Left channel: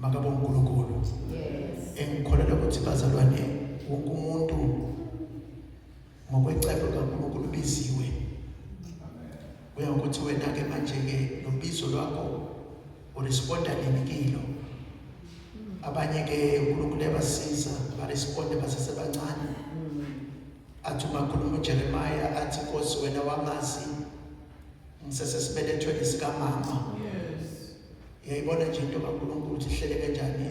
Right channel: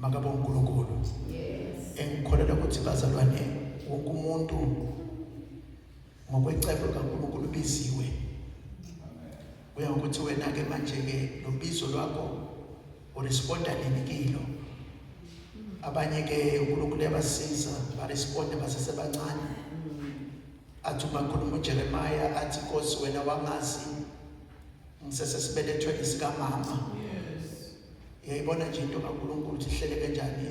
makabo uNkulunkulu. Engikholelwa ukuthi bazalwane wonke umuntu ngokwecebo kaNkulunkulu ubiziwe. Kuya ukuthi wena ke manje ke lo bizo lwakho uresponda nini kilo. Abanye ke uNkulunkulu yabasiza baresponde basesebancane. Athi bakhuluma uJeremiah athi Nkosi wena wangazi ngisesesibelethweni sika mama. Yayibona nje into kaNkulunkulu ukuthi ihlele kanjani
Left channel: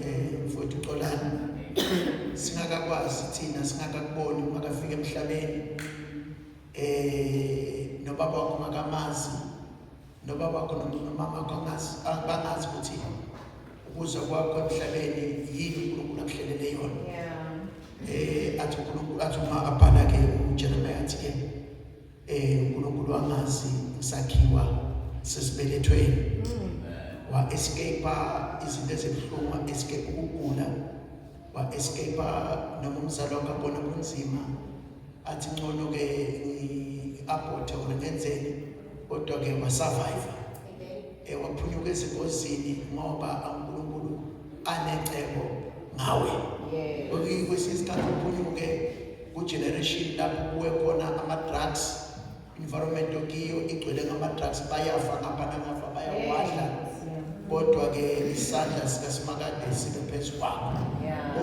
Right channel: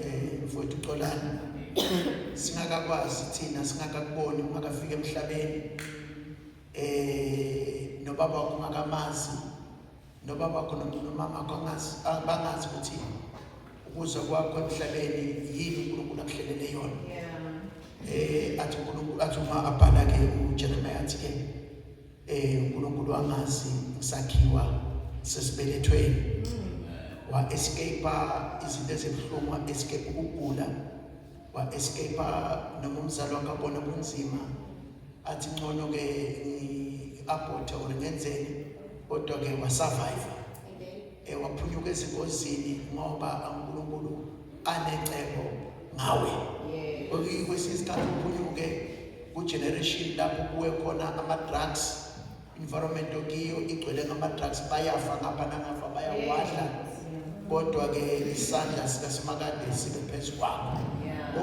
mfowethu uXolani. Singakakwazi thina singakakuboni makafika emhlabeni. Nobaba wakho makamazi. Nobaba wakho nomama wakho bangazi ukuthi ukuzwa kwakho emhlabeni yini uNkulunkulu akuhlelele yona. Athi uNkulunkulu athi uma abhala ke uJeremiah athi ke uNkulunkulu wangazi isakhiwa sesibelethweni. Wa escape izinto ezibhlungu, wa escape ukugula, wa escape noma umzali wakhe abona kunzima athi ngcono ke abotha ngenzeni kodwa ke wa survive. Waphunyuka ezingozini ngoba uNkulunkulu anecebo ngawe. Kwesinye isikhathi uphunyuke ku-generation lapho kuwe khona ama-drugs, environment okiyo igcwele ngama-drugs, bayafa ngapha nangafa bayawadla. Kodwa ke isandla sikaSimakade sibe phezu kwakho.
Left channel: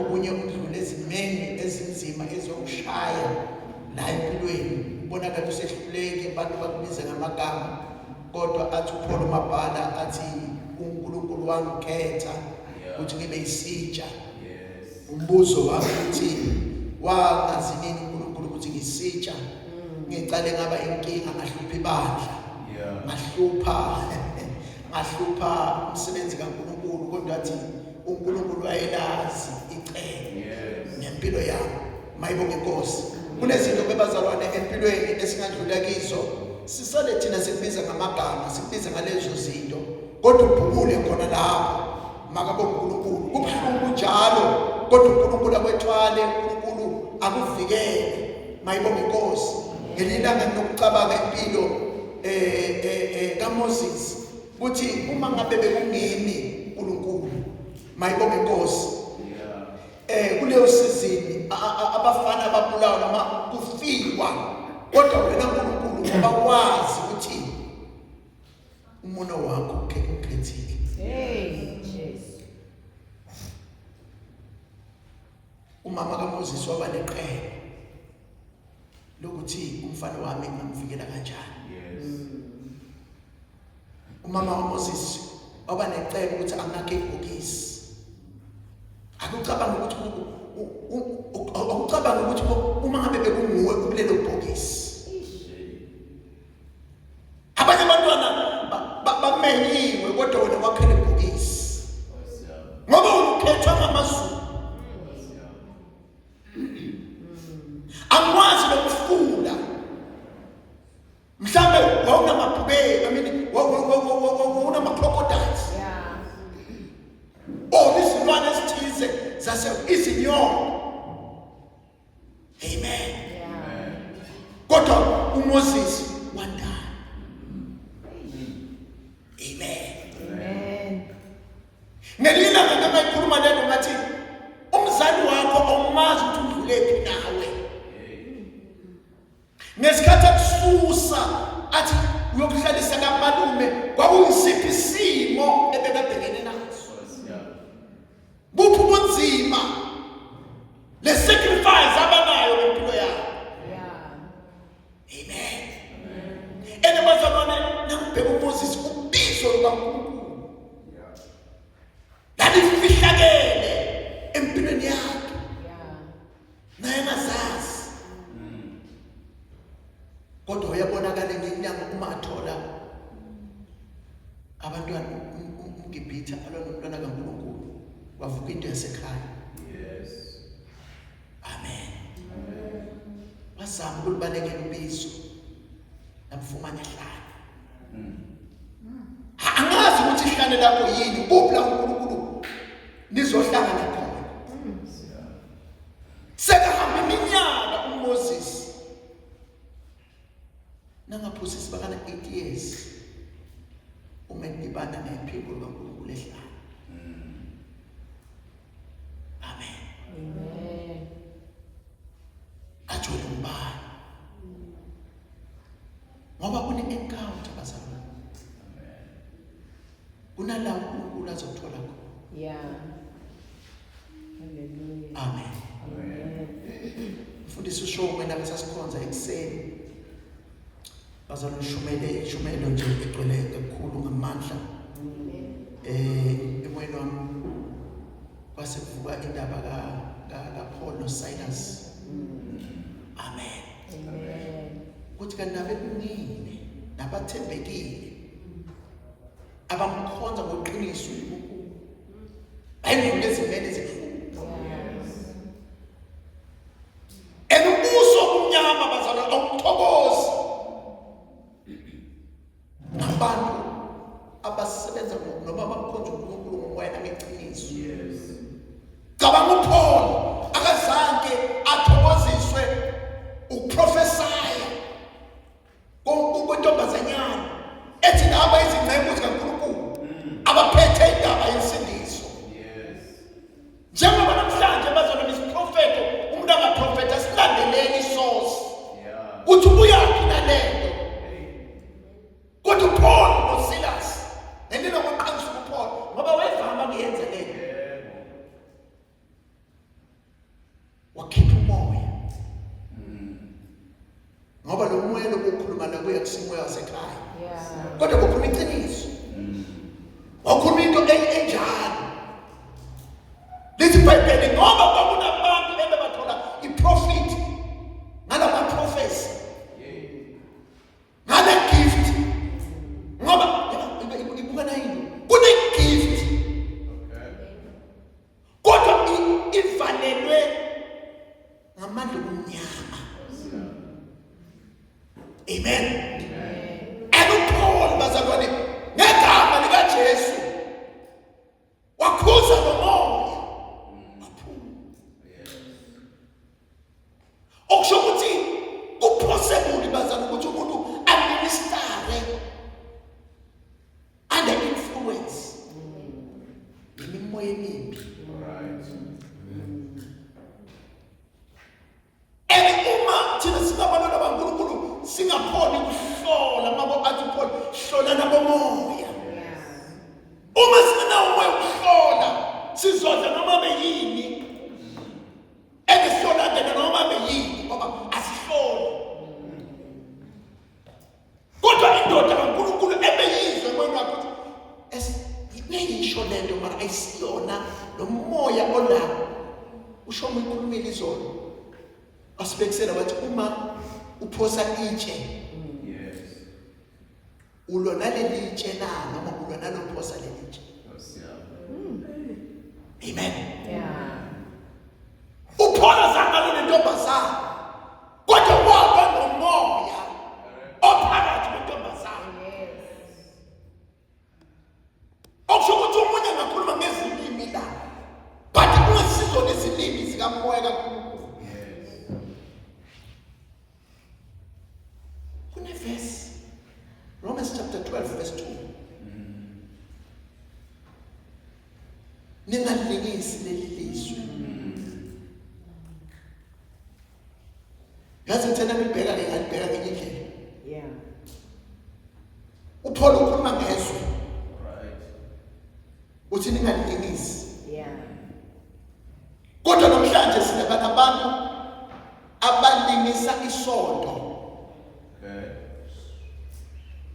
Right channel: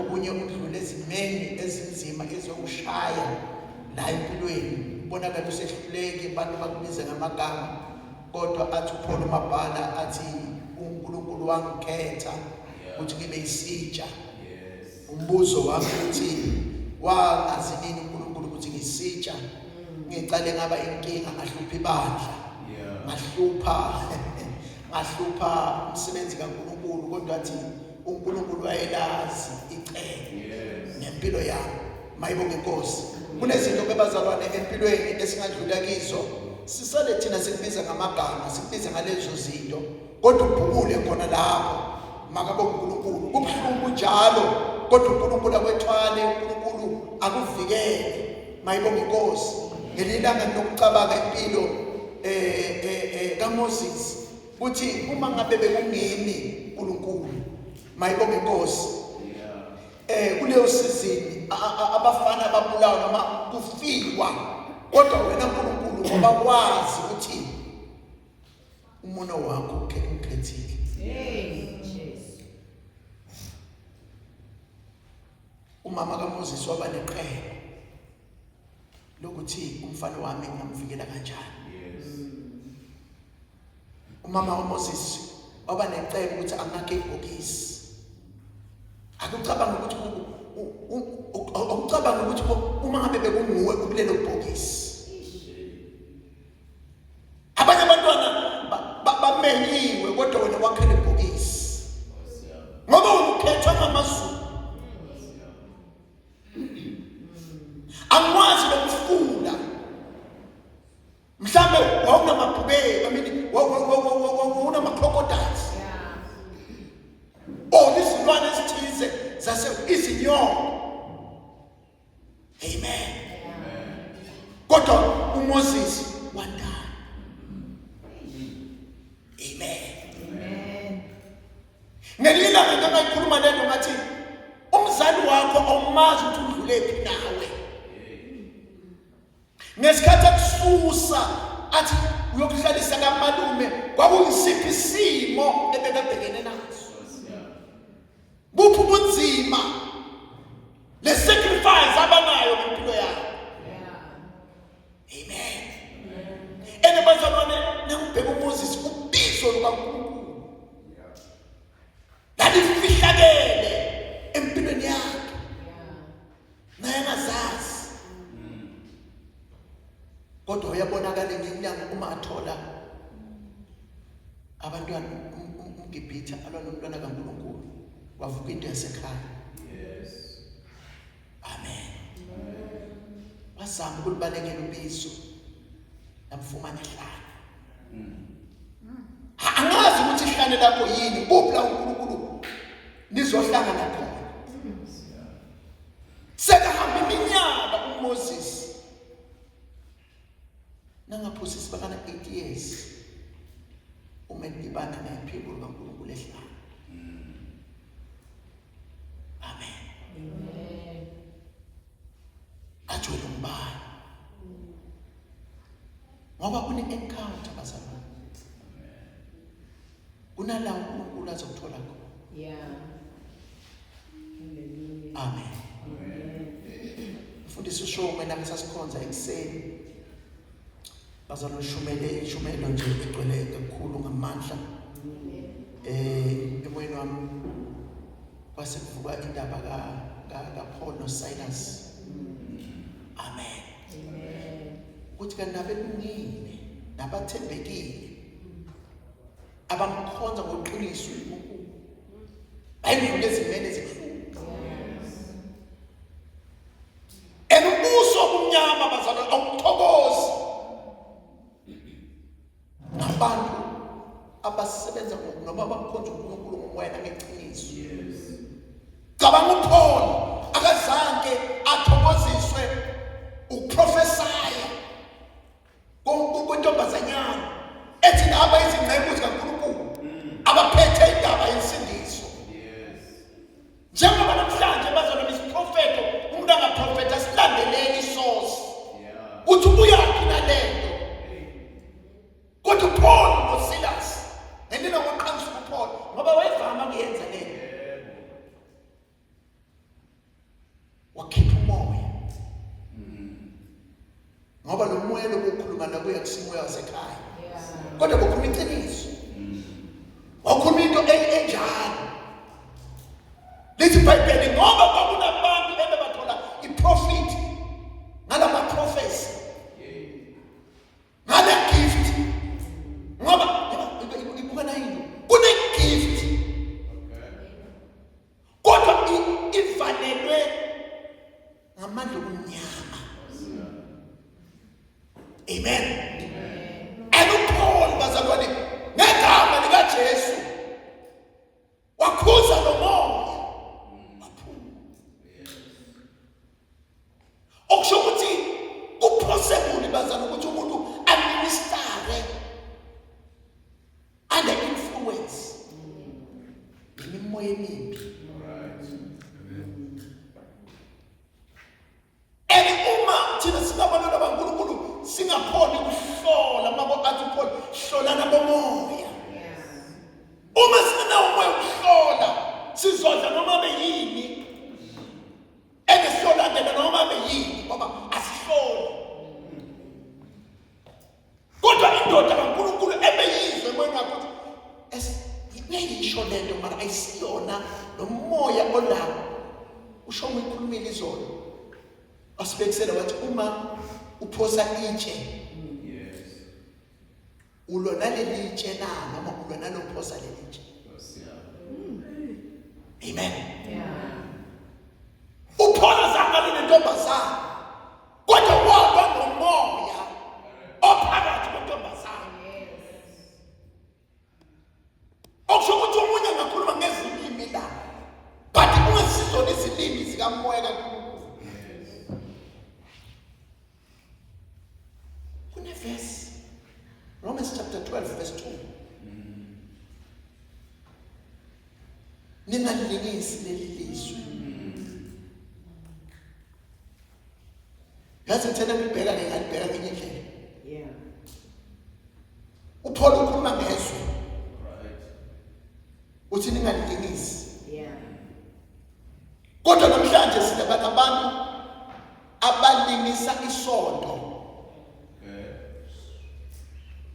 Okunye udlule ezimeni ezinzima ezokushaya la empilweni. Ubonakala usehluleke abantu bakubiza ngamagama. Kodwa athi uPaul uMabhala athi uNkulunkulu wangikhetha ukuthi ngibe isitsha. Umbuzo wami uthi wangazi nini uNkulunkulu ukuthi ngisitsha. Ngicale ngaba inkinga ngahlupha ibandla. Ngahlupha umsebenzi kaNkulunkulu kodwa athi uNkulunkulu wayelazi icebo nempilo yami. Mayibonge Nkosi. Kunezinto bezalwane empilweni esingadlula kizo. Sisale thina sikubiza ngamagama, sikubiza ngalezo zinto. Kodwa ubhukule khona lapho. Makabonge uNkulunkulu. Kubuhlungu njalo kodwa uNkulunkulu akwethwale, uNkulunkulu akuvikele. Mayibonge Nkosi. Ngelilanga nokucabanga impilo kaMoses. Uthi uma ngabe bekungimi uNkulunkulu. Mayibonge Nkosi. Kuleyo season abafana babulawa noma kufikwa kodwa wena uNkulunkulu ngoba wazi ukuthi umono wakho ukhethile. Jesus. Umama kaMoses waba neqhele lokuthi umfana wami ngamvikela kanjani. Umama kaMoses waba necebo ukuthi anakhe ibhokisi. Akucabanga ukuthi uma ngabe bekunguwe kulelo bhokisi. Abanye abantwana bamenyiwe kodwa wena wakhele ibhokisi. Ngoba ukhethwa ngamazulu. Angwazi lokufula. Mhlambe wawunamabhubhe, wawunama-crocodiles. Izilwane ezithize izinyoni. Amen. Kodwa uMoses wandana. Amen. Ngelilanga ngamayikhuluma lento ngathi umzali wakho awumazi ukuthi udlulephi nawe. Ngesikhathi akususa athi uyokuhlalisa kamalume kwakuyisiphi isimo ebekabhekene naso. Buphi ubunzima le sacrifice abanayo empilo yabo. Amen. Bazalwane nakubheka uMoses ubizo lukaNkulunkulu. Lalifihlakele empilweni yakhe. Naye engazazi. Kodwa uyabonakala ngenyanga uma athola abantwana uGibhithe alwa nomntwana kaNkulunkulu. Wavuka into yasekhaya. Amen. Wazama ukulibalekela ubizo namfumana ehlala. Angazi ukuthi ihlane lapho yini, kuphi la uNkulunkulu nizohlangana khona. Sekahamba iminyaka uMoses. Nangaphosisi bakana 8 years. Umedibana nephiko kaNkulunkulu ehlala. ngoba kune-encounter bazalwane. Kunalawo uNkulunkulu azokuthola khona. Yeah. Hallelujah. Amen. Mfundisi uShome nami sasikhonza ekuseni. Bazalwane ishumelo nje igcwele kakhulu ngamandla. Emoyeni wami kwase kuvuka indaba kaPaul noSilas. Amen. Kuthi kanti nabekunini nabathembekile abamkhonza ngoqiniso uNkulunkulu bayindlule ezimene ezibuhlungu. Ubuso obumnyama bazalwane awuthokozi nabantu abasebenza noma bamkhonza uNkulunkulu ngomoya nangeqiniso. Cabanga uPaul akazange athokoziswe ukuprofesaya kwentombazanyana ethi naba izingcebo zikaNkulunkulu abaphethe indaba yensindiso. Njengoba namhlanje bazalwane isiprofeto umuntu angaprofeta silandeleni isource uthi ubuyaphi nalento. Kodwa uPaul noSilas ngendlela yokuqinisa uPaul ngoba wayevama ukuyenza lento, wakhipha umoya ngoba lo moya lokukhuluma nakuya kusimoya wasekhaya. Kodwa kukhuluma iqiniso, wakhuluma into enjalo. Lithi iBhayibheli ngoba kwakunabantu ebebathola iprofit ngalama prophecy ngale gift, ngoba ibukana yini kune gift kodwa ivalelwe ngamandla omnyama. Amen. uPaul bazalwane ngegama likaJesu wakhuza lo moya waphuma. Okusho ukuthi kupossible bazalwane ukuthi umuntu administrate under influence imimoya emimbi. Uma thina singabantwana baNkulunkulu singaphoni ukuhlola ngabo athi uPaul hlola nabomoya. Uma sinawo umoya ukuhlola sizodla noma beyini esihlola noma beyini ngoba asihloli. Kodwa indoda kaNkulunkulu ebeyizwe moya wakho ngiyisho lento mara ayisiyona lo moya olawo. Usho uyikhulumile izolo asibekisela wathi uma uphosa itshe ulo naleli itshe noma ulo nalophosa leli itshe. Amen. Uphola zangalo nentombazana kodwa waba nomoya ophakathi kwentombazana. Okusho ukuthi umunye ngakhuluma ngezilimi la but ungasizona izilimi zikamoya kaNkulunkulu. Verse Romans chapter 12 verse 2. Ningalingisi leli lizwe. Yazi ngithanda ngibheka ngalibheka ngenye indlela. uPaul ukhuluma ngezwe. Uthi ningalingisi. Kodwa namhlanje sinabantu abalingisa isonto.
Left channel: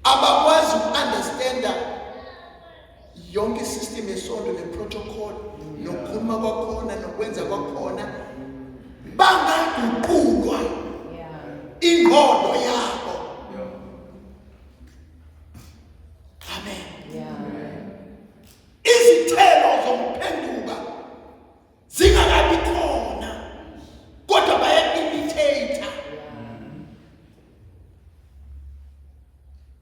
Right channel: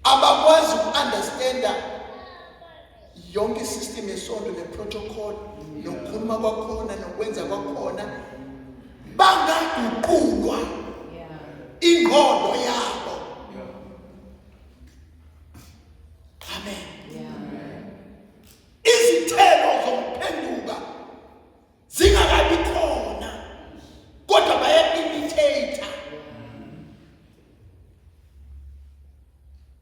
Abakwazi uku-understanda yonke isystem yesonto neprotocol nokukhuluma kwakhona nokwenza kwakhona, bangaguqulwa ingqondo yabo. Amen. Izithelo zokuphenduka zingakabi khona kodwa baya-imitate.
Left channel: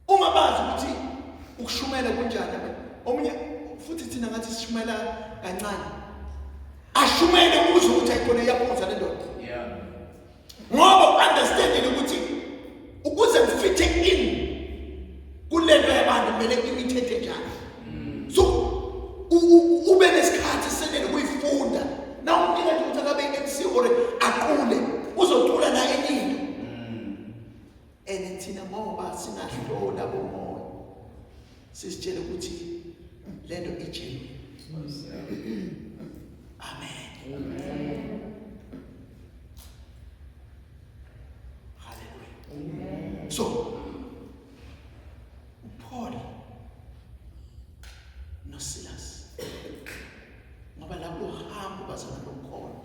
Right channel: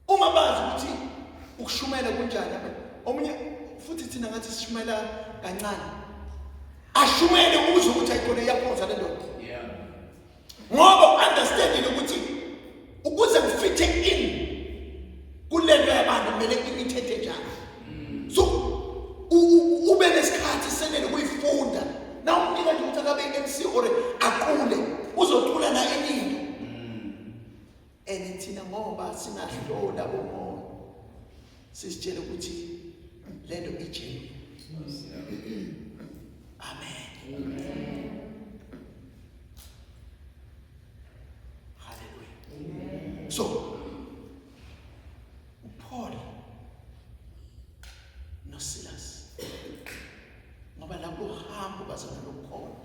Uma bazi ukuthi ukushumela kunjani, omunye futhi thina ngathi sishumela kancane, ashumele ukuze ukuthi ayikhona iyaphonza le ndoda. Ngoba understanding ukuthi ukuze ngifithe in kulento yabantu kumele imitate njani. So ube nesikhathi senele kuyifunda. Na umnika nje ukuthi akabe MC or aqule uzocula na eningi. And thina ngoba singadlola bomoya sisitshela ukuthi lento ijeni. Amen. Hallelujah. So Paul no Silas ngoba lapho hambo bazana lokukhona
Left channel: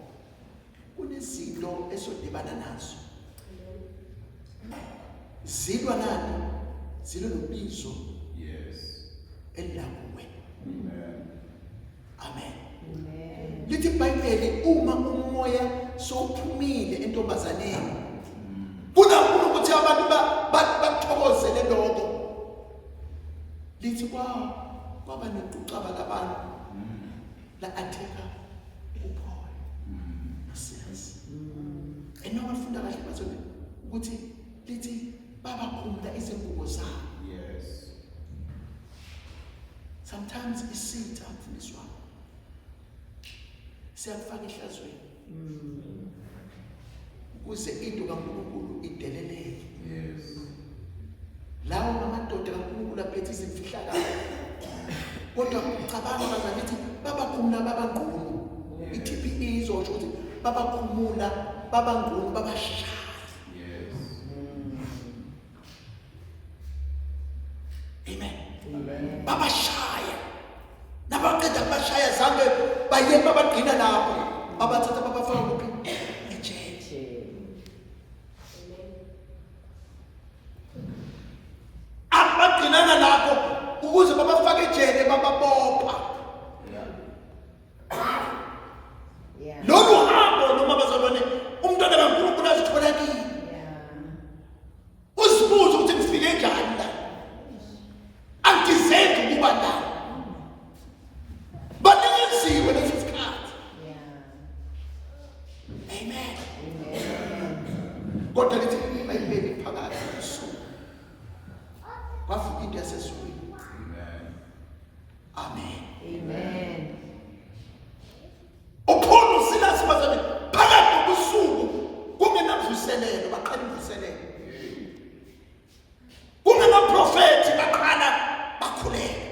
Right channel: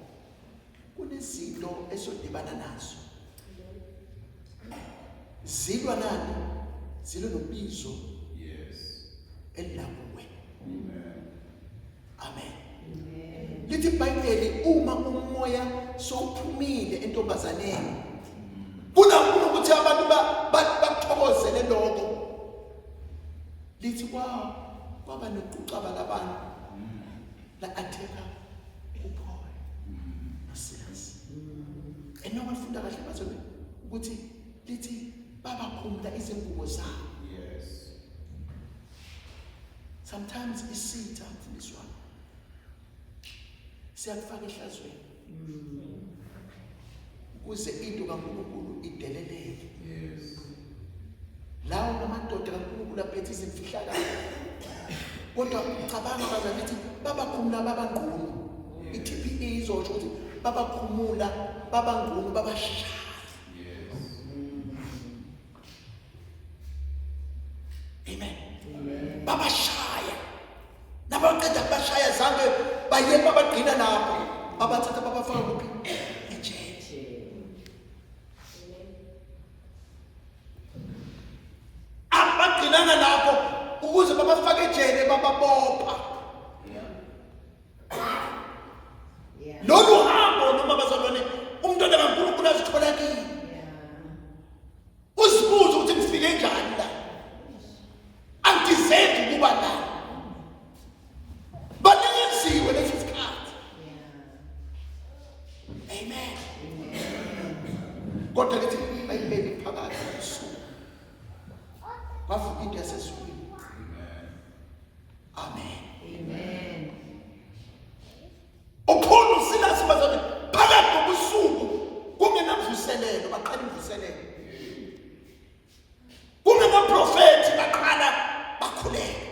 kunezinto esodibana nazo. Zilwa nani? Zilwa nobizo. Yes. Elakuwe. Amen. Lithi iBhayibheli uma umoya sowuphumile entombazaneni kunakhona ukuthi abantu bathokozele lokho. Lithi kwaba nokucaba labantu la atheka uPaul noSilas. Enoma funda kahle bazona ukuthi lithi babakhumula izingubo zabo. Yes. Sometimes isitha mfundisi wami siyakufaka ehlazweni ukuze into kaNkulunkulu ideleleke. Yes. Lawo ngamadoda kaNkulunkulu aphethe izimfihlakalo kodwa ucabanga bazathi babakhumula babangqunu. iTPE izosho ukuthi babakhumula babangqunu babashaya. Amen. Babashaya. Nabaqeda bashaya zange baye babagcina lapho. Babathatha babafaka kuphi? Ejele. Abagcinana lapho ukuze babafake ejele bababopha. Yeah. Lolu hambo noma bazalwane umntwana kaNkulunkulu azithola kini. Usibuza ukuthi ngifike njani la? Angizenzi ukuba la. Balinziwe lesi sikhathi. Amen. Kodwa lithi iBhayibheli phakathi usuku kwafika into yaseswini. Amen. Upholo uSilas bazane phakathi kobusuku kungenavuselelo baqala imvuselelo. Kungamaprofeti baqala bakhuleka.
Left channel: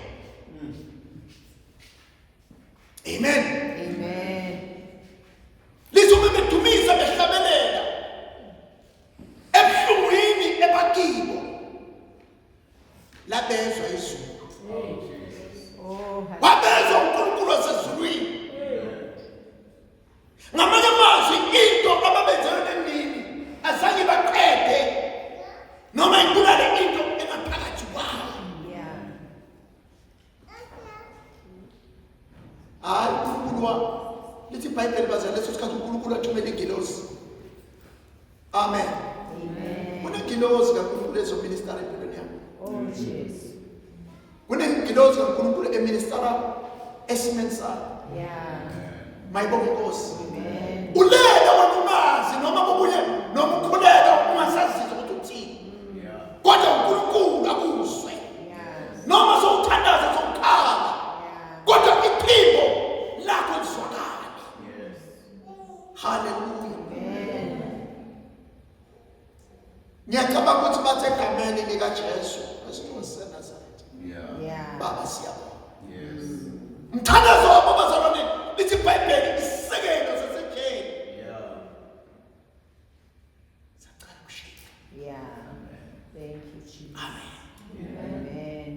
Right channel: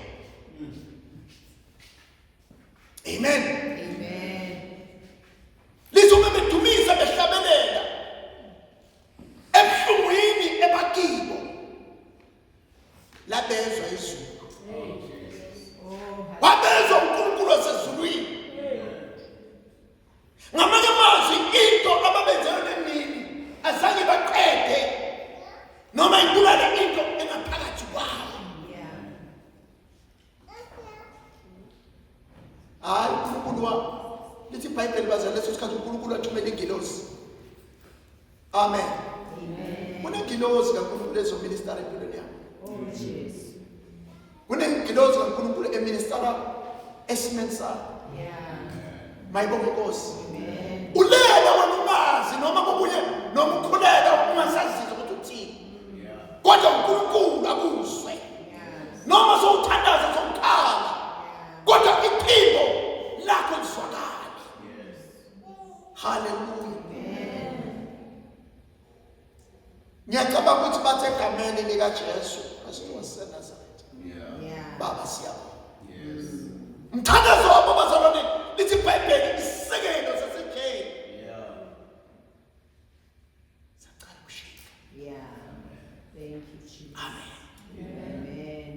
Amen. Lizobe bedumisa behlabelela ebuhlungwini ebakibo labezwa izulu. Wabezwa uNkulunkulu wasezulwini. Ngamanye amazwi into ababenzelwe nemini azange baqede noma ibulale into engaphakathi kwayo. Hayi uNkulunkulu lithi iBhayibheli bazana leso sikhathi uNkulunkulu athumela ingilosi. Amen. Kunengilosi kaNkulunkulu ezominister empilweni yakho. Yes. Kunengilosi kaNkulunkulu eministera esimeni sakho. Mayibonge Nkosi. Ulela wena ungazi noma kubuye noma ukhulela ungasazizwa ukuthi uthini. Kodwa uNkulunkulu akuzwe. Noma sowuthandaza sokukhala. Kodwa iphimbo lakho lizwakala. Hallelujah. Ngiyacabanga ukuthi bathe egameni likaJesu Kristu waseNazaretha. Baba siyabonga. Mthandazo wabo bazalwane lithi iBhayibheli isekelo sasejele. Sacala kushika. Thank you Jesus. Amen.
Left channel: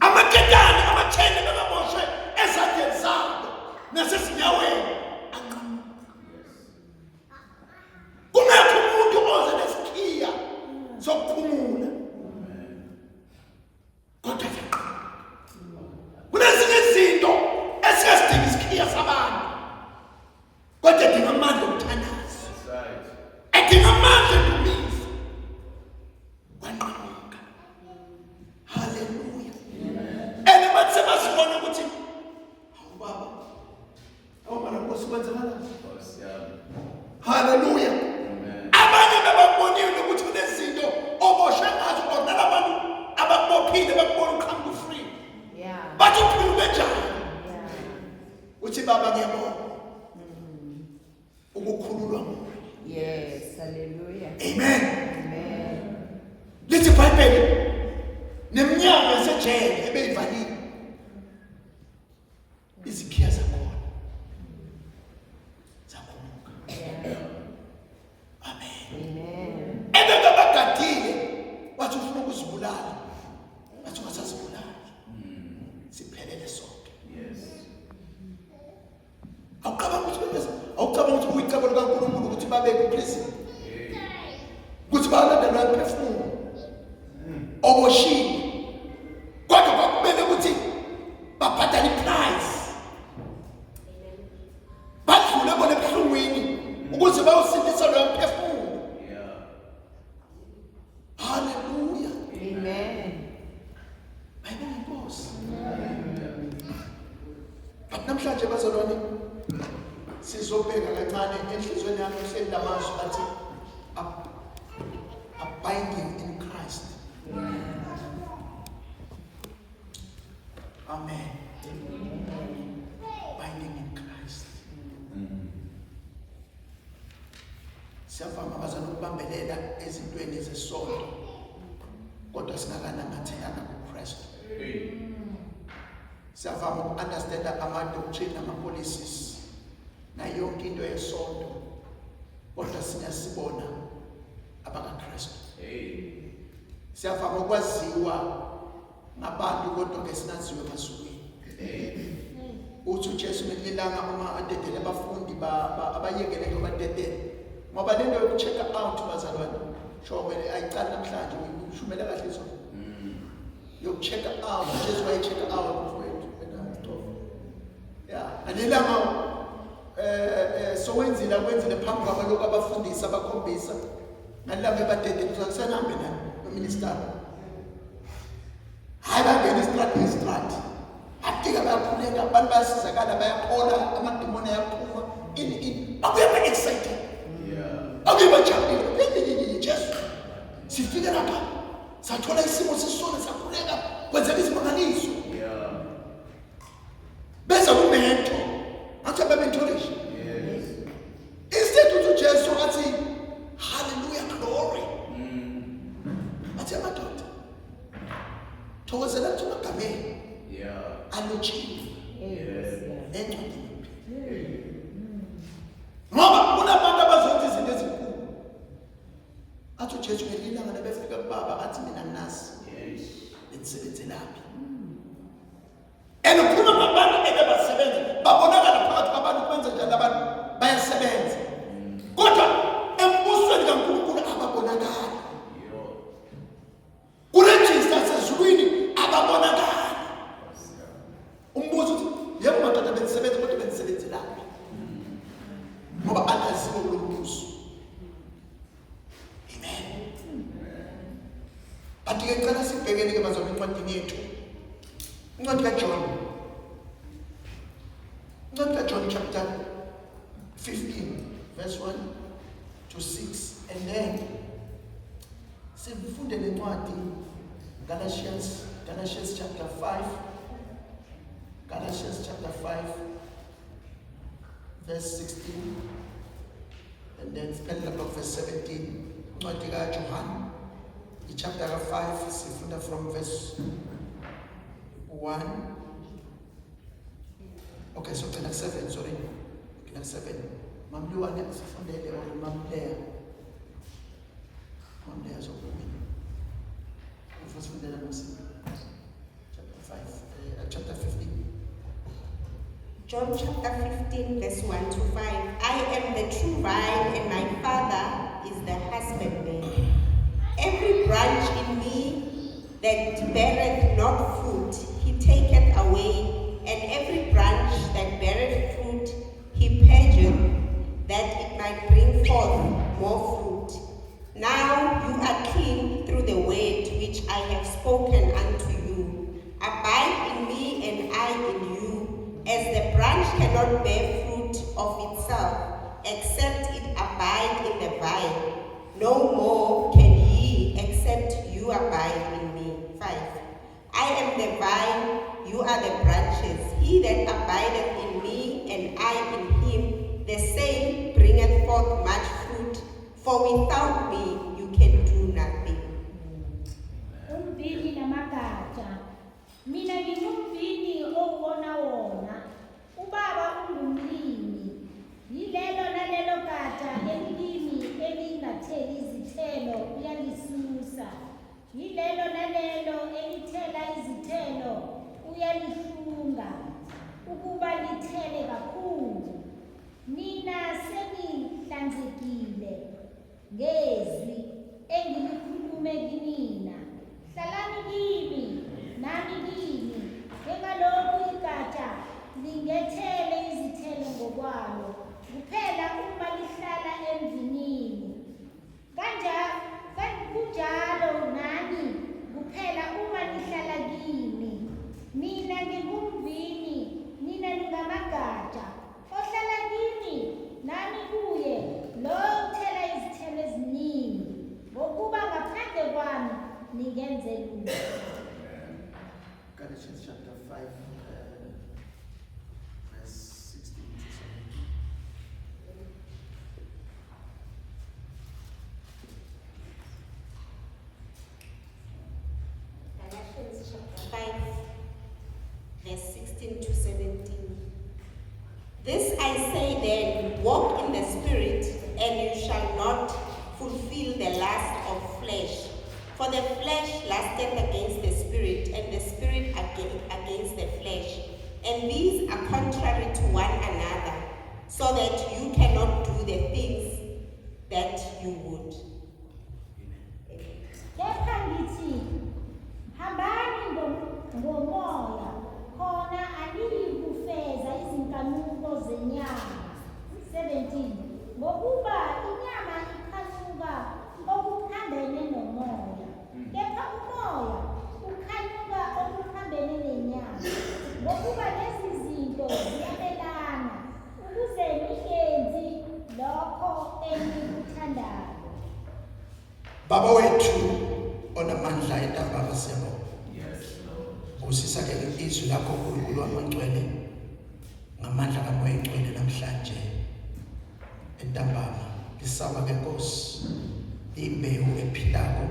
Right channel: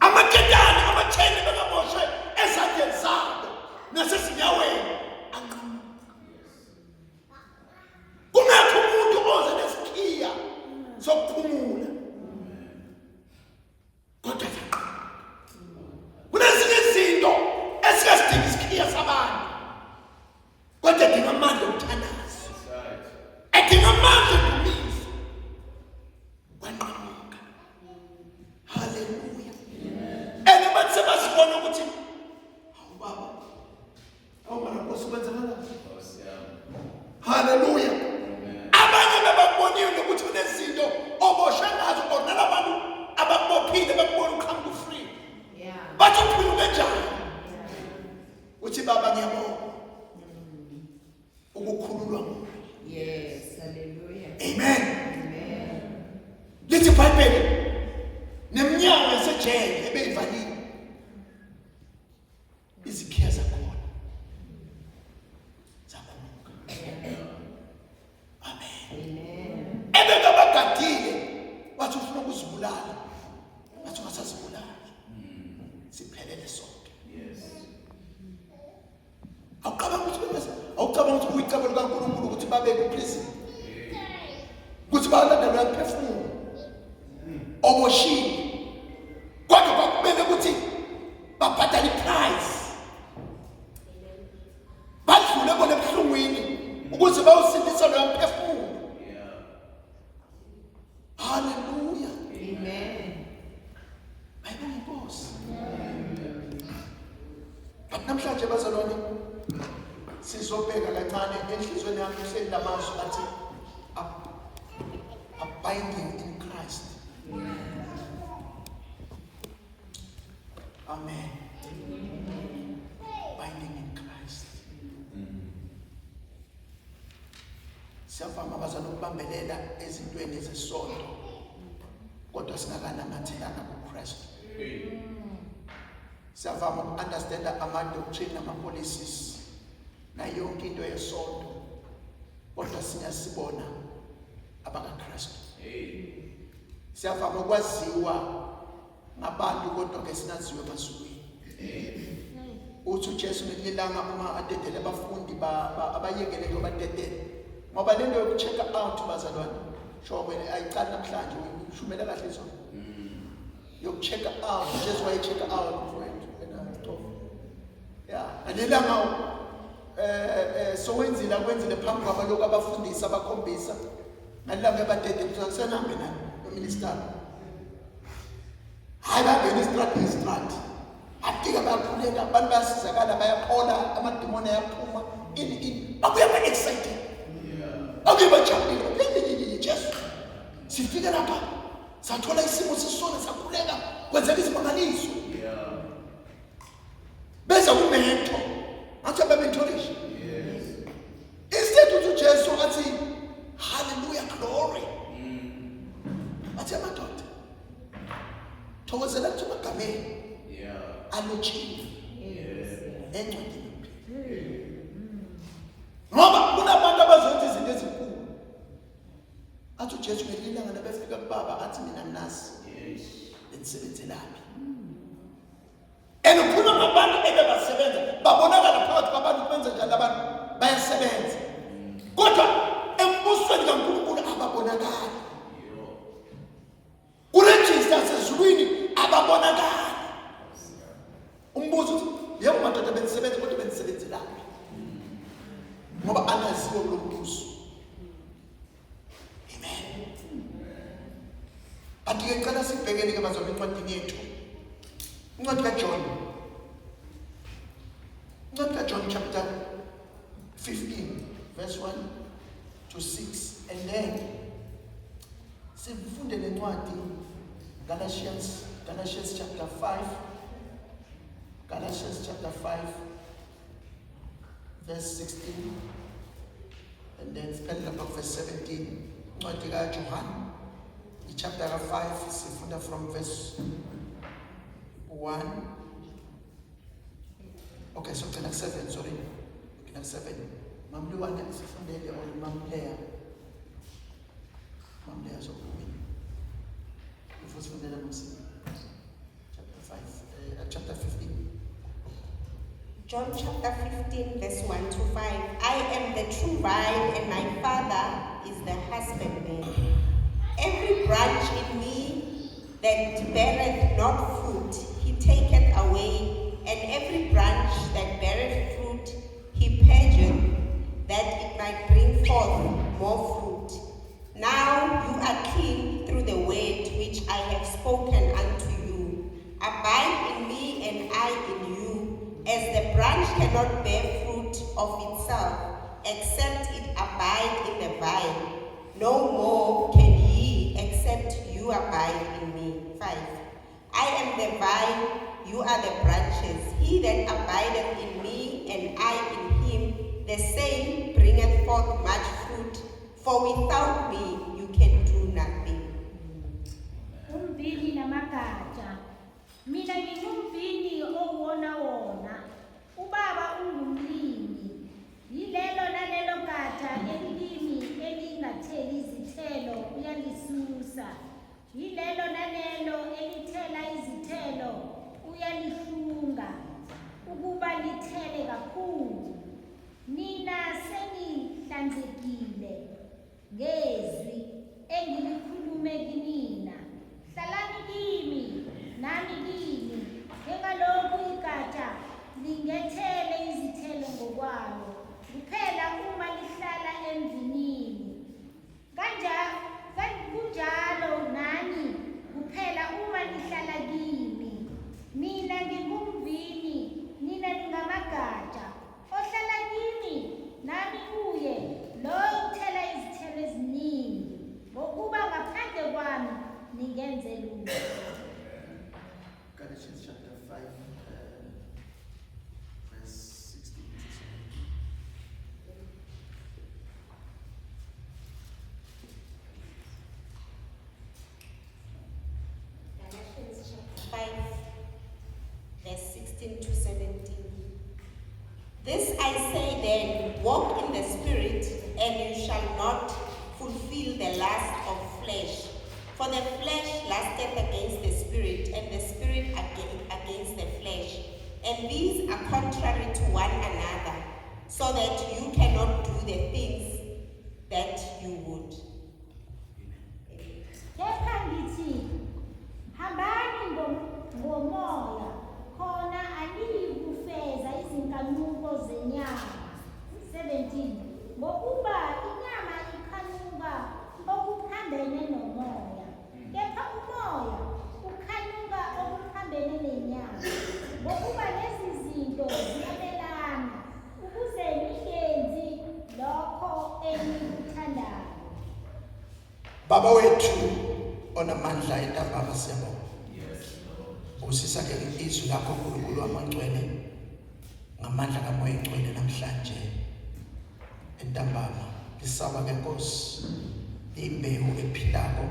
Amaketane amathene bekaboshwe ezandleni zabo nasezinyaweni anqamuka. Kungekho umuntu oze nesikhiya sokuphumula. Kodwa kunezinye izinto esingasidingi isikhiya sabantu. Kodwa dinga amandla okuthandaza. Edinga amandla okudumiza. Wanqamuka. Hallelujah. And bathi sebasibona ukuthi hawu baba. Awumana Nkosi kwenzakala. Hallelujah. Abanye bababonile ukuthi kunezinto oboshwe ngazo kodwa labantu ababophile bakubona uqhamuka free. Bathi uphila kanjani? Uthi baba ngiyabonga. Ukukhululwa nguwe. Yes, hallelujah. Amen. lithi iBhayibheli neminyango yasejele ebeyivaliwe izikhiya zakhona zakhumuka. Amen. Ebebagadile wathi ufuna ukuzibulala, wathi ungasazibulali, siphelele sonke. Awucabanga ukuthi uyicebo likaNkulunkulu ukuthi babe kuprison, ukuthi balandelwe umphefumulo oboshile, kodwa kwakumele ukuthi babhadale iprice, badlule kona ebuhlungwini ukuze bayosindisa loyo mphefumulo. Hallelujah. Amen. Bayibonga inkosi. But namhlanje bazalwane sizobheka kancane enhlizweni yami uhleli lamazwi athi abiding in Christ. Amen. Binding in Christ. Siyavama abazalwane ukubambelela ezintweni ezesonto, kodwa singakanamathekanga kuKristu. Siyavama uku-understanda ama-doctrine nama-policies na yonke into yesonto, kodwa siyasibona abakaKristu. Siyavama ukwaziwa ngabantu, kodwa ke sinaziwe emazulwini. Uthi uJesu ngelilanga uma adedele abafundi abayekele ngobadedele, ngoba lento yoku-check out bazalwane shobe ayiqali namhlanje, ushumela kahle izona yoku-check out. Jesu waye-check out mfowethu ngalilanga sokwenzile akwenzile phambi kwabalokhu abafundisi abakhombisa ngalilanga ebadedele kusakusenahambe nayo noministari. Hayi bangena istrati adika bayakhuleka, abantu bayasizakala, bayaphola, amadimoni ayaphuma bakuye ba-excited, bakuye bajabulile. Jesu sifike lapha sathola isimo sisona, sakhuleka, kwenzeka izimangaliso beza kumento athi ababentolisha. Instead uthi uJesu athi hallelujah glory, athi amadoda thokozela ukuthi magameni alotshiwe encwadini, ngoba kunabantu abazothi izinto ezinkulu. Athi uJesu ngelilanga nabefika kubaba athi mina nasi bendisebenzelaphi, and ukhuluma ngabantu ebebasebenza, babonakala phakathi kwabantu kwenza njalo, abantu bayasebenza, kodwa embusweni kaNkulunkulu ababonakali, kurejista sezulwini ababonakali. Umbuzo uthi yebo madoda bendisebenza, kodwa bendisebenzelaphi? Ngoba akaziwa lo mbuzo. Amen. Ati ngicela sibhekele ke bazalwane incwadi yethu, incwadi kaJohn, chapter 15 verse 1 to 6, and then sifunde lencwadi Galatians chapter 5, verse 16, and then spell about verse 17. Incwadi kaJohn chapter 5 sifunda from verse 1. Okay, so connect 7, sorry. Connect 7. Mamluwane sifundele or mamleya. Mamleya so first fundela musi. Chapter 15. John chapter 15 verse 1 to 5. I am the true vine and my Father is the husbandman. Every branch in me that beareth not fruit, he taketh away, and every branch that beareth fruit, he purgeth, that it might bring forth more fruit. Now you are clean through the word which I have spoken unto you. Abide in me and I in you, as the branch cannot bear fruit of itself, except it abide in the vine. No more can ye, except you abide in me. 5. I am the vine, you are the branches. He that abideth in me and I in him, the same bringeth forth much fruit, for without me you can do nothing. This I say then, walk in the Spirit, and you shall not fulfill the lust of flesh. For the flesh lusteth against the Spirit, and the Spirit against the flesh. And these are contrary to one another, so that you cannot do the things that you would. Kepha ngithi, hambani ngomoya, khona aniyikufeza izinkanuko zenyama. 17. Ngokuba inyama ikhanuka okuphambene nomoya, kepha umoya ukhanuka okuphambene nenyama. Ngokuba lezi zinto ziyabelana, ukuze ningenzi lokho enikuthandayo. Baba wethu onamandla entambama siyabonga. Usisa ke izwi lakho uNkulunkulu wamangcwele ngamandla kaMoya Engcwele namhlanje entambama lisaba ke Nkosi imbewu ephilako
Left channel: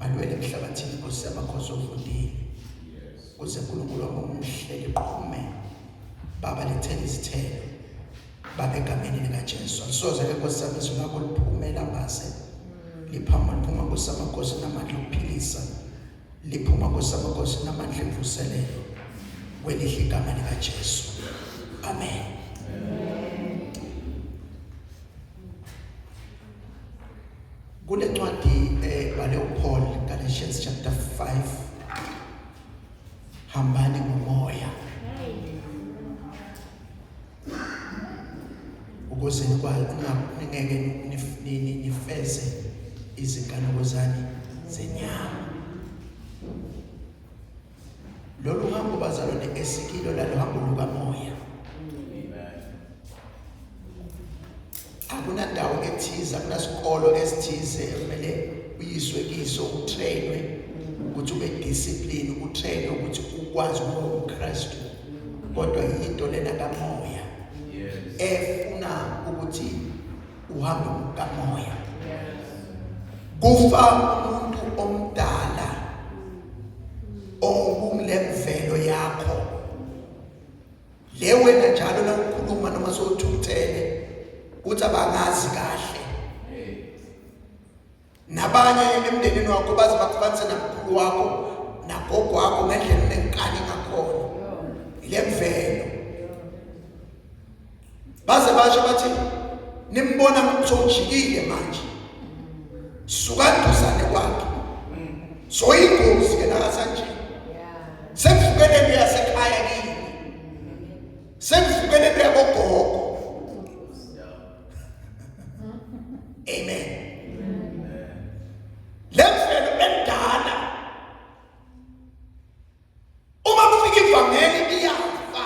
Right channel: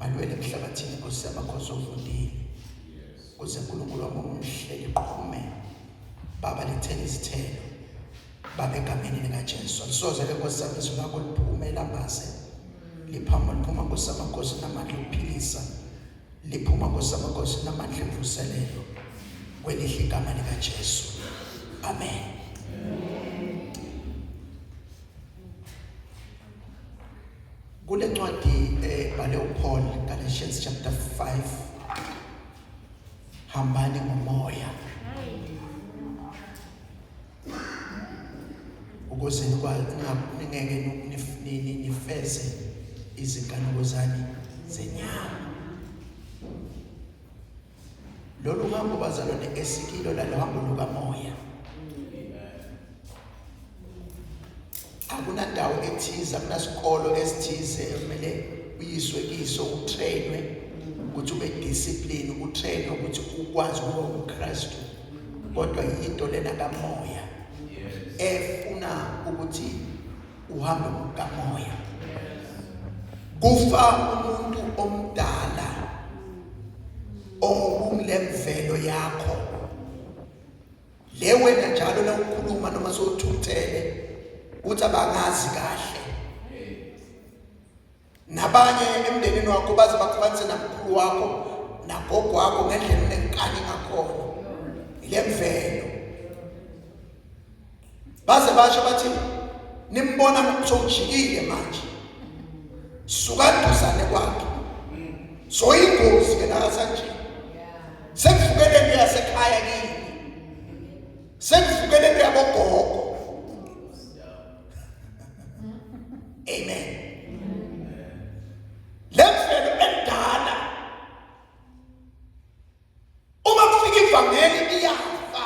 malwele emhlabathini Nkosi yamakhosi ovundile kuze uNkulunkulu wami umhle liqhume Baba lithele izithelo Baba egameni likaJesu alisoze ke Nkosi sami izwi lakho liphume lambase liphuma kusamakhosi namandla okuphilisa liphuma kusamakhosi namandla emvuselelo kwelihle igama likaJesu amen. Kule ncwadi bale uPaul Galatians chapter 5 hambani ngomoya ukuze ningeke nifeze izinkanuko zani zenyama. Lolu hambo bazalwane esikilo lalo hambo lukamoya. Akunandawo ethize, akunasikolo esithize kumele uyiswe kiso utrainwe ukuthi ube discipline, utrainwe ukuthi ukwazi ukuba uKristu. Kodwa into lena kamoya efuna ukuthi uhambe kamoya. Kufa umuntu omdala okumlemvelo yakho le wena njalo la ukhuluma noma sowuthuthele uthi abangazi kahle nabanye emndenini wakho baze bakufanise namkhulu wakho nagogo wakho ngendlela enenkani ngakhona ile mvelo baze basho bathi nimbona ngokujikile manje sukanduzane kwakhe so ingozi ke nakasanje sekufukele leyasekhaya kini sekufukele leyabogogo amen. Lemvelo endala uma kufika ivangeli iyafa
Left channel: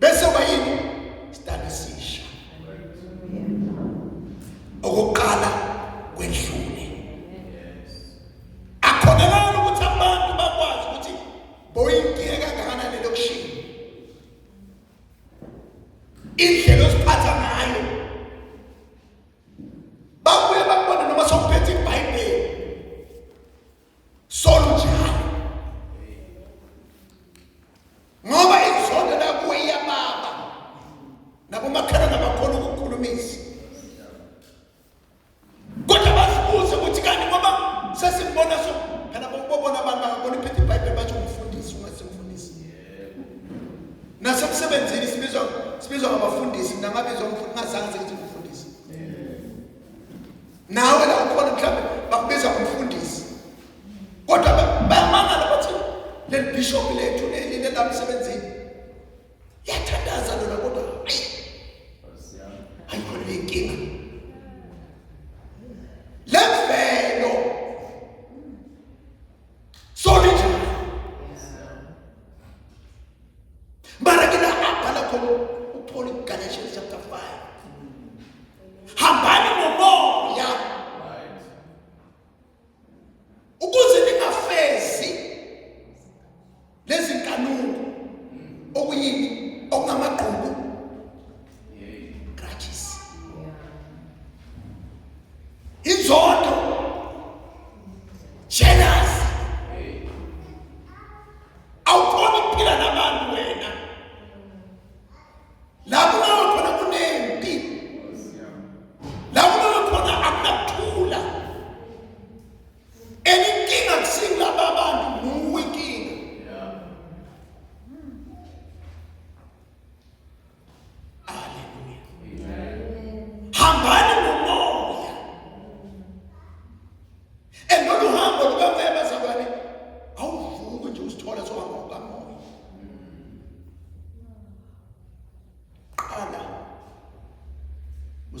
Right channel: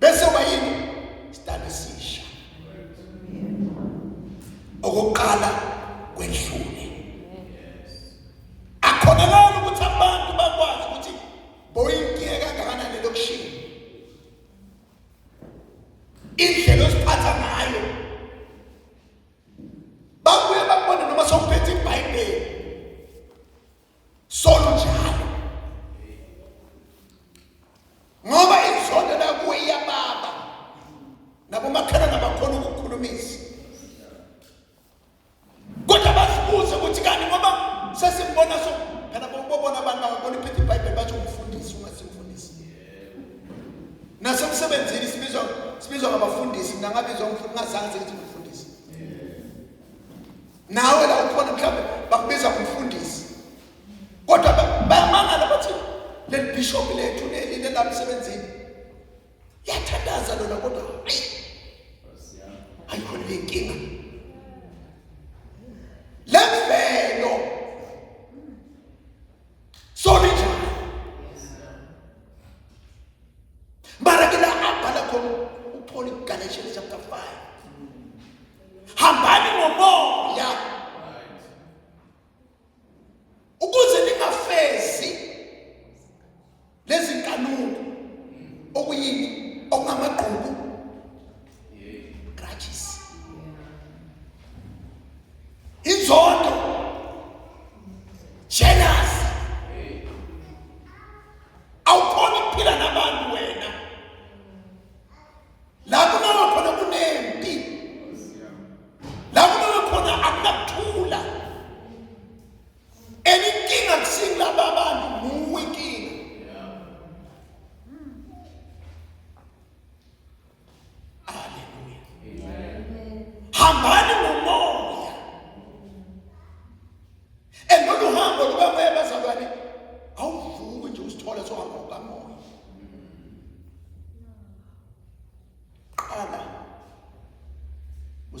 bese wayini standisisha okuqala kwendlule akhonelana ukuthi abantu bakwazi ukuthi boyinkiye kangakanani lokushini indlela osiphatha ngayo babuye babone noma sokuphethe iBhayibheli solo njalo ngoba izondo la kuye yababa nabo makhana nabakhona ukukhulumisa kodwa basibuze ukuthi kanti ngoba sesimbona so kana bobona abantu bakona iphethe iBhayibheli bathi umfundisi ungasimfundisi nasemsebenzini sibizwa ngabafundisi mina ngabizwa umfundisi ngazange ngithi umfundisi nawe la ukhona mhlawumbe bakubiza umfundisi kodwa bayamangala bathi le bishop lethu le la emsebenzini yathandaza lona kodwa ayikhona lenkinga lemvelo solinjani mara kila abhala khona uPaul Galatians chapter 5 hambani ngomoya ukuze ningafezi lezi nkanuko okuyini okungamaqhubu grudges inzondo jealous awukhona ukuphila nabantu wena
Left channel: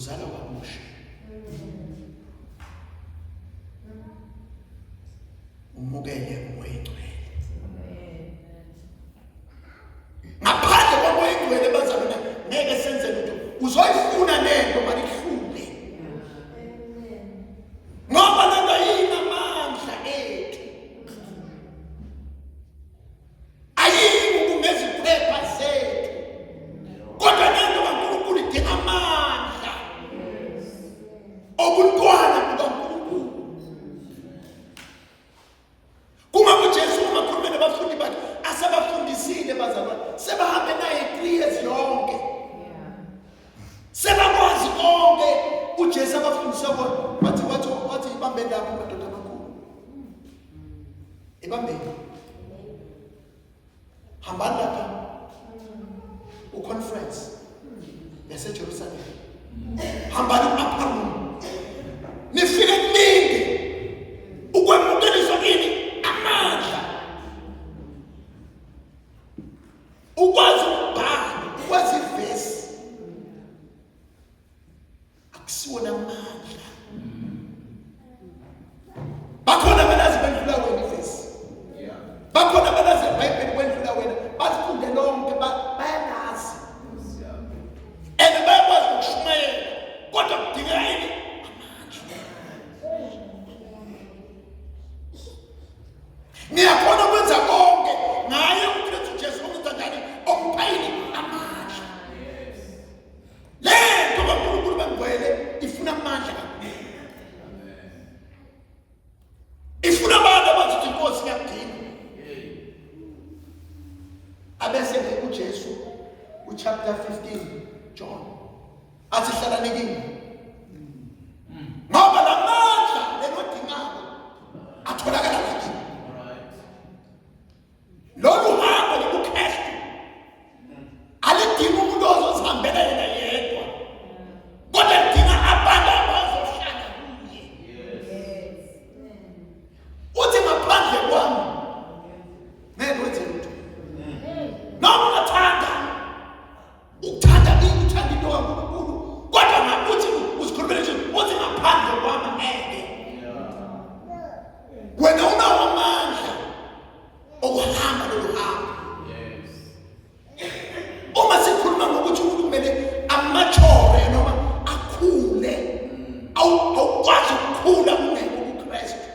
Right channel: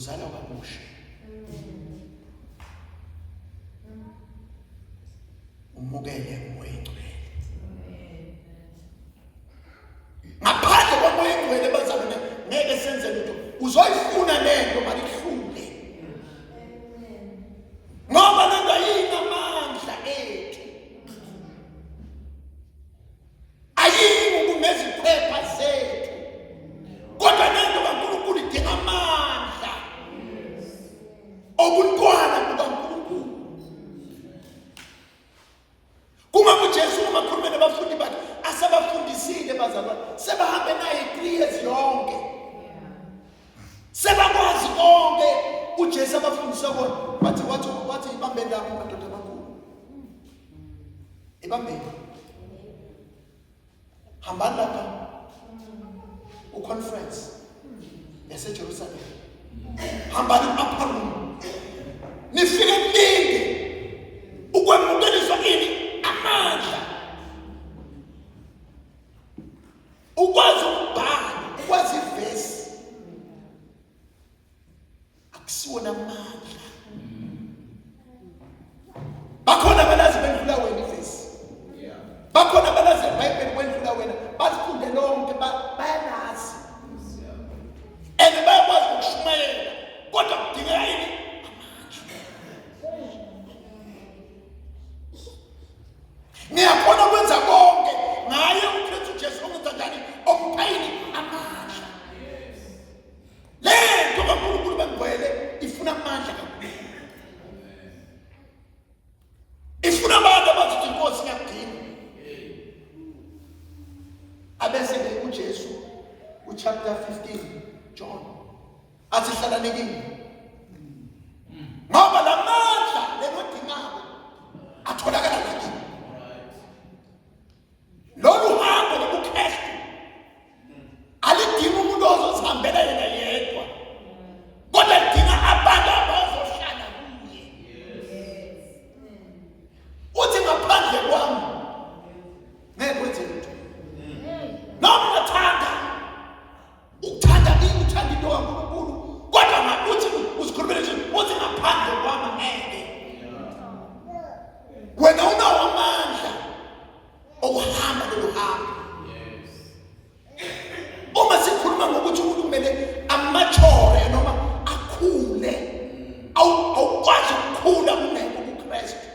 uzalwa kabusha. Umukele umoya oyingcwele. Ngaphandle komoya oyingcwele bazalwane ngeke senze lutho. Uzoyifuna lento malihlule. Ngoba lento ayinamandla ethu. Ayingu ngeziphepha zethu. Kodwa lento kaNkulunkulu idinga amandla. Obuntwana bukaNkulunkulu. Kuma kuJesu umakhulumela abafundi bakhe asebafundisile bazalwane sebahambe naye 3 years yonke. Sebakwazi konke uJesu abafundisa bona wathi ibambe lapho madoda amakhulu. Ibambe. Hambani lapha uconference yase Jerusalem. Hambani upper room. Nifike ningi ukwemukeliswa ini amandla. Ukwazi ukubhala, ukwazi ivesi. Akusiwona amandla. Bakhona balazi bendlula wena ivesi. Bakhona balazi iBhayibheli bendlula wena. Bazifunde lonke bayalazi. And bayakwazi ukushumayela. Kodwa kudingeka yini? Ngiyakhona ukwenza konke ngaye uKristu Jesu ongithandani omphayini amandla. Lento kaNkulunkulu bengcwele ifuna amandla kakhulu. Ifuna abantu abathi inkosi ngiyakudinga. Abese ke uJesu chapter 15 John athi hlala nikini. Ngoba la mandla lenodingako atholakala lapha. Lolu hambo lobuKristu alidingi umuntu ozozihambela yena yedwa. Kodwa lidinga abantu abazohlala kuye. Uthi ngaphandle kwami ngeke wenze lutho. Noma ungathanda uthanda ini uthanda into kaNkulunkulu kodwa ngakuthi uzikhulumele nje uthi ngaphandle kwami ngeke. Wena unawo amandla okuhamba lolu hambo. Uma sikhuluma ngokuthi umuntu kumele amachore noma akhule awukwazi ukukhula ungekho kuKristu.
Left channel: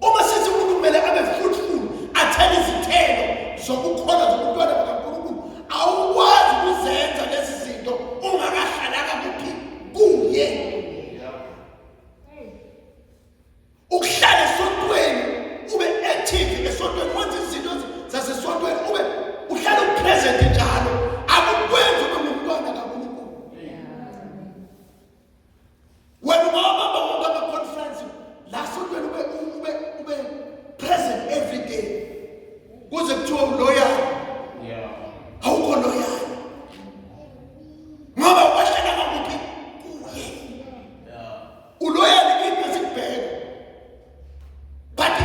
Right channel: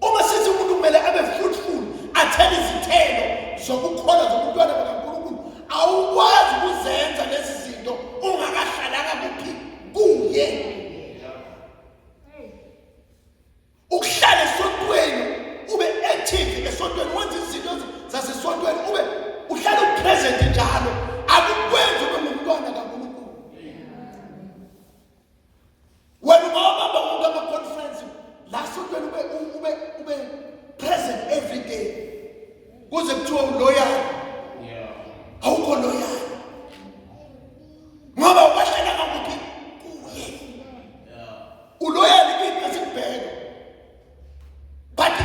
Uma sithi umuntu kumele abe fruitful athele izithelo zokukholwa zobuntwana bakaNkulunkulu awukwazi ukuzenza lezi zinto ungakahlalanga kuphi kuye. Ukuhlala esontweni ube active esontweni wenza izinto zasesontweni ube uhlala upresent njalo akukwenzi ube ngumntwana kaNkulunkulu. Wena ungahamba wonke ama-conference la sontweni ube present every day. Kuze kuthiwa uloyal. Awukho loyal. Ngoba uhlala kuphi kuye. Uloyal kimi asikubheka. But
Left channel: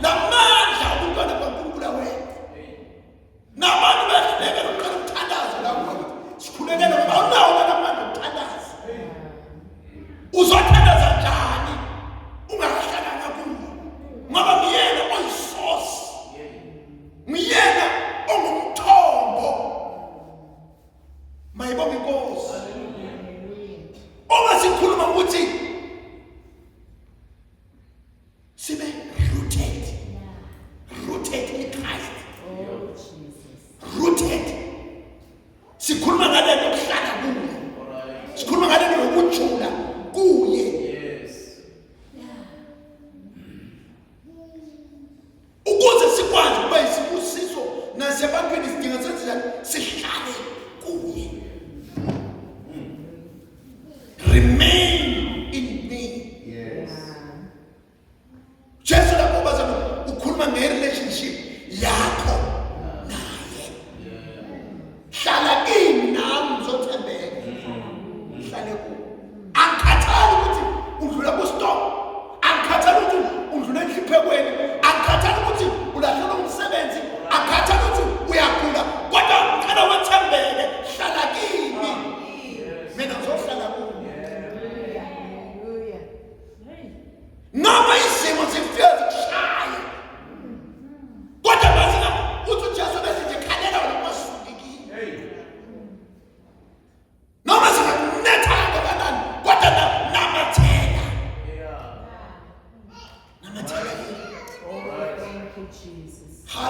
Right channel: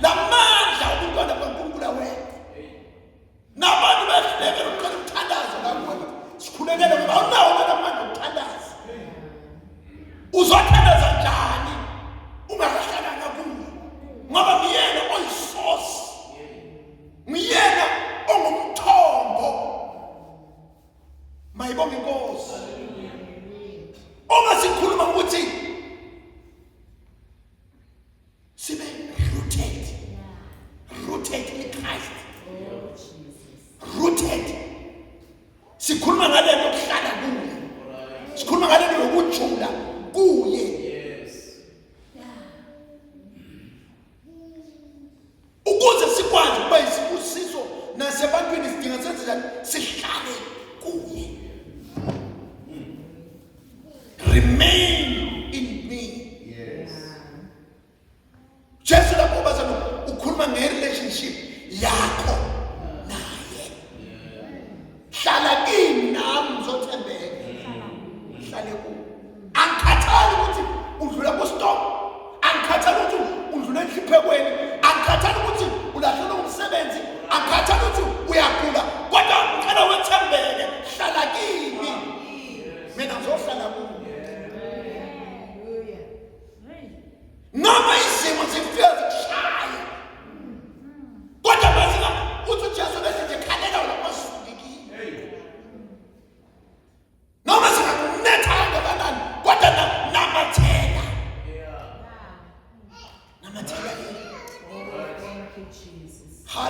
la mandla ubuntwana bakaNkulunkulu wena. Nabantu bahluleka ukuqala ukuthandaza la ngoba sikhulekela ngoba awunawo amandla okuthandaza. Uzothandaza njani ungahlalanga kuye? Ngoba ngiyena oyisource. Ngiyena ongumthombo. Mayibonge inkosi. Uma sikhuluma ukuthi sibe rooted in Christ. Rooted. Sikhuluma ngale nto okuhlala kuye. Sikhuluma ngale nto lokujula kuye. Ukuze sikwazi ukuba isibusiso nasebantwini sidinga senze njani sihlale kuye. Remain in me. Jesu lapho bazana ukhuluma nge-relationship yakho naye. Hlala kimi nami uzothembeka. Hlale kuye.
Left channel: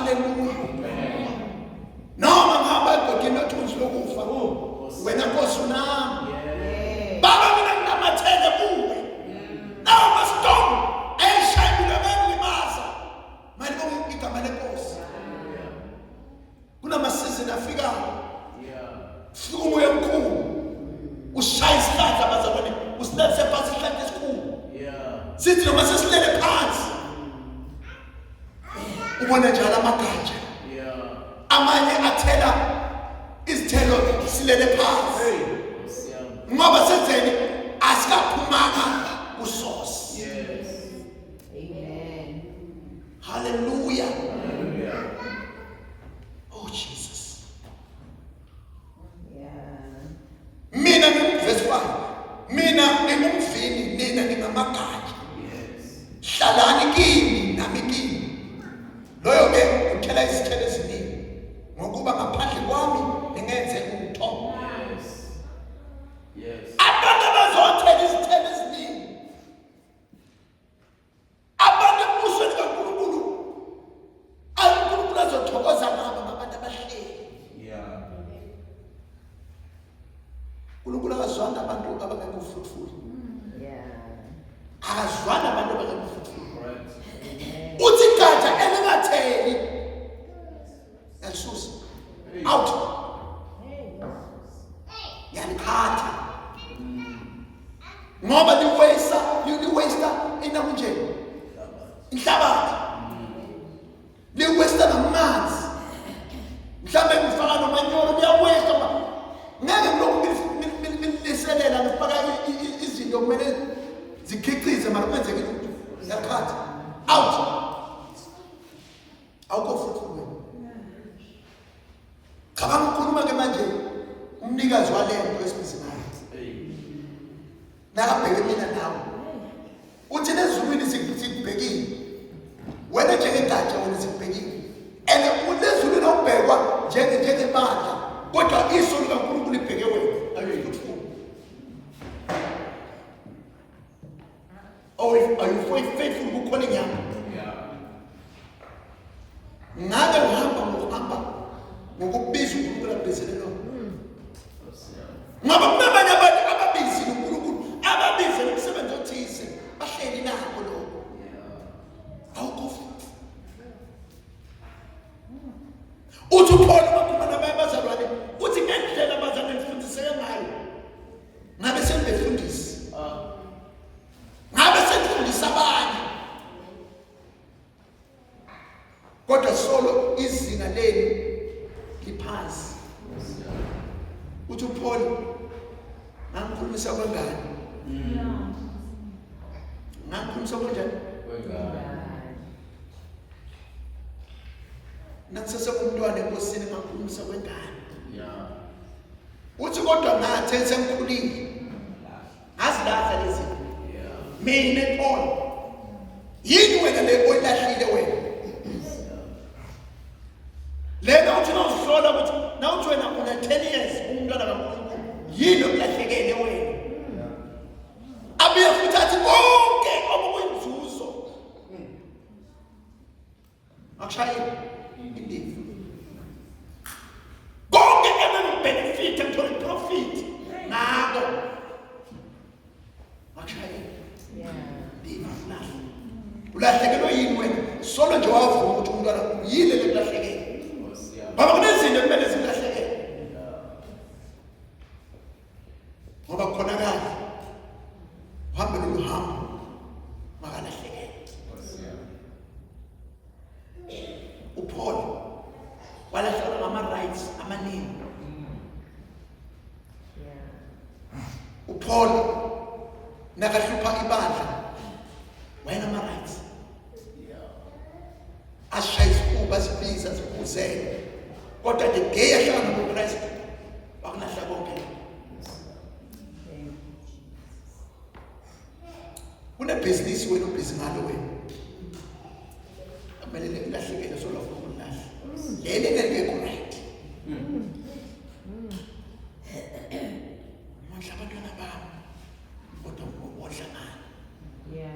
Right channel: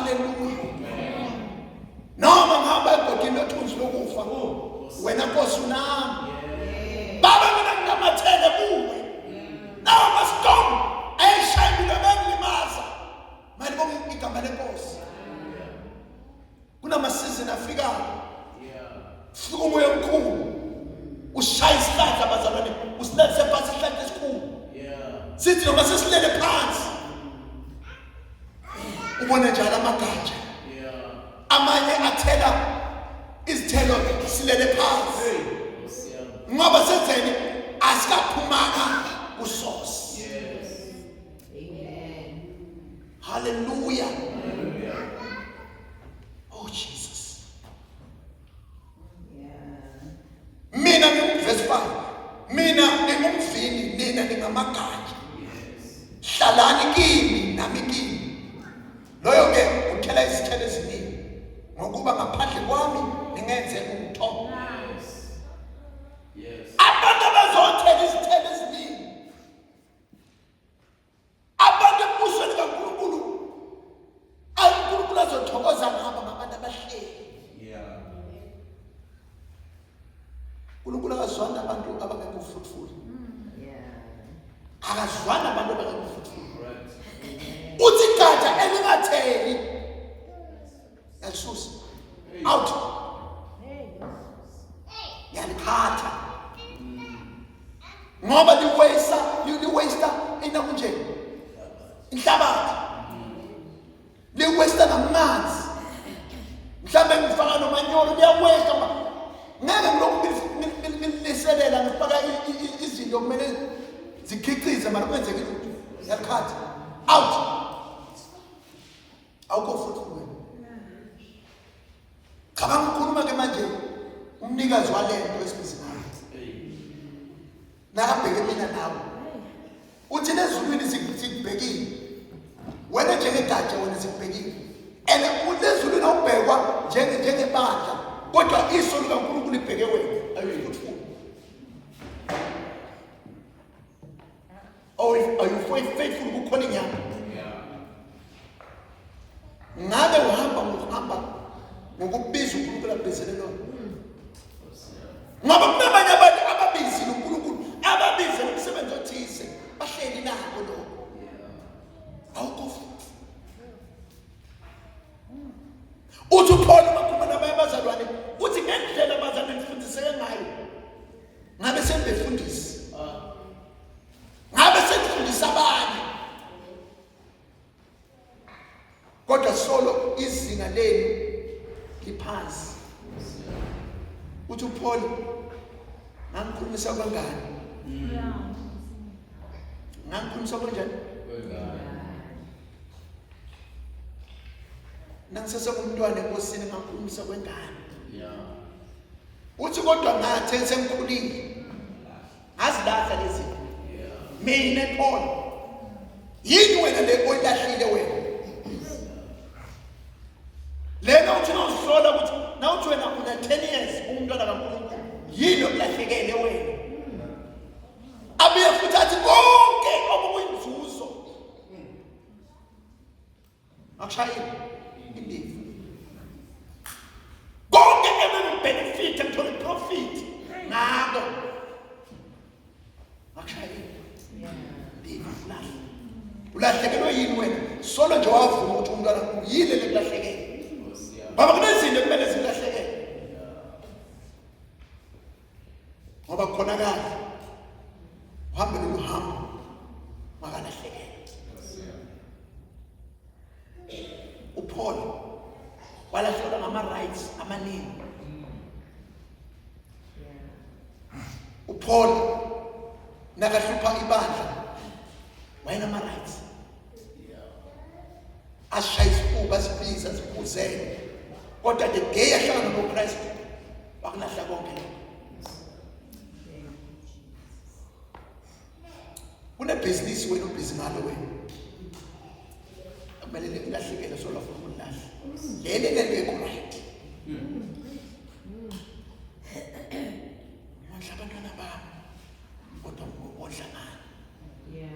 Hallelujah. Noma ngihamba egogini lothunzi lokufa wena Nkosi unami. Baba mina nginamathele kuwe. Nawo mastorm ayishayile bengilimaza. Manje bonke igama lenkosi. Kunamasizini afikayo. Fika umoya omkhulu. Ushaya isihlahla bazalwane. Usilethise phansi isihlahla esikhulu. Sithi noma sesilele phansi. Ubona njalo amagatsha. Amanye athela izithelo silele phansi. Ngoba senzeni asikaphumanga usosi. Amen. Hallelujah. Oh Jesus. Mina verse 5. Mina ngingumvini nina ningamagatsha. Hlalani kimi nami kimi. Loyo ke uthela izithelo eziningi. Ngokuba ngaphandle kwami ningenze utho. Abantu abazothela izithelo eziningi. Abantu ebusweni kaNkulunkulu. uNkulunkulu azothokoza ngabo ngabantu abahleli. uNkulunkulu akazwanga abantu abangekho fruitful. Akazwanga abantu abangekho fruitful. Uthi gatsha elingatheli yalisusa out yalikhatha ngoba liwesta ina kunje inhlabathi liwesta namanzi mhlambe ngifaka nomanyolo liyawesta ngeke ngilokhu ngiliselela ngifaka izinto kumele zikhicize mara kwenzeke lutho yalikhatha out awukho fruitful. Cabanga ukukhuluma ke manje umnikazi walento esibizi nayo. Nakabheke mina nawe. Uthi lezulwini sikubhekile. Wena njengegatsha wena sikubhekile. And ulezulwini awubhekwa njengebandla. Kodwa iso likaNkulunkulu libheke wena. Are you fruitful? Or are you faithful kukhona inyama? Ngabe uhamba ngokubiza uNkulunkulu abhizelelo. Ngoba kunabanye abantu ababizi uNkulunkulu ababize umsebenzi othile bahleli nako lokho. Awukho. Uthi uPaul makhuluma nabazalwane uthi ngendlela abazalwane ngifundiseke ngayo. Ngabe sengibefundisa. Ngabe sengifundisa abanye. Kodwa solo izinga lenu liphansi. Uthi uPaul ngikhulumisa abangani. Ngikhulumisa kanjani? Nakusasa umntwana enkosini ngikhulumisa kwengane. Uthi kodwa ngathi sengikhulile. Ngazilahla lezi. Mina Paul. Yini wena le oylahlile wena? Lena uthi nawuhlola ukuthi nawuthi wena una 10 years umntwana kaNkulunkulu yini okulahlekele wena. Abuye futhi athi konke obukuyinzuzo. Akushayile indiva. Konke benefit ekuthola profit ngako. Akushayile. Indiva ulahle. Ulahlekelwe yini wena? Solo nje wavuma ukuthi umntwana yini lekulahlekele. Baba kunezinto kumele zilahleke. Ngoba khona kahle. Uhambe nohambo makalahleke. uPaul walahlela ngama rights amaningi. uPaul nakahlupha ibandla wayena rights. Ashaya isifuba sibiza sibuzele. Kodwa the day ahlangana noKristu wakulahla konke. Kunebusiness wena ubhizi ngalo wena. Akumele ulahlekele solo ukulahla. Lele ngeke right. Mondla abantwana bami. Kodwa ngobodla ngani.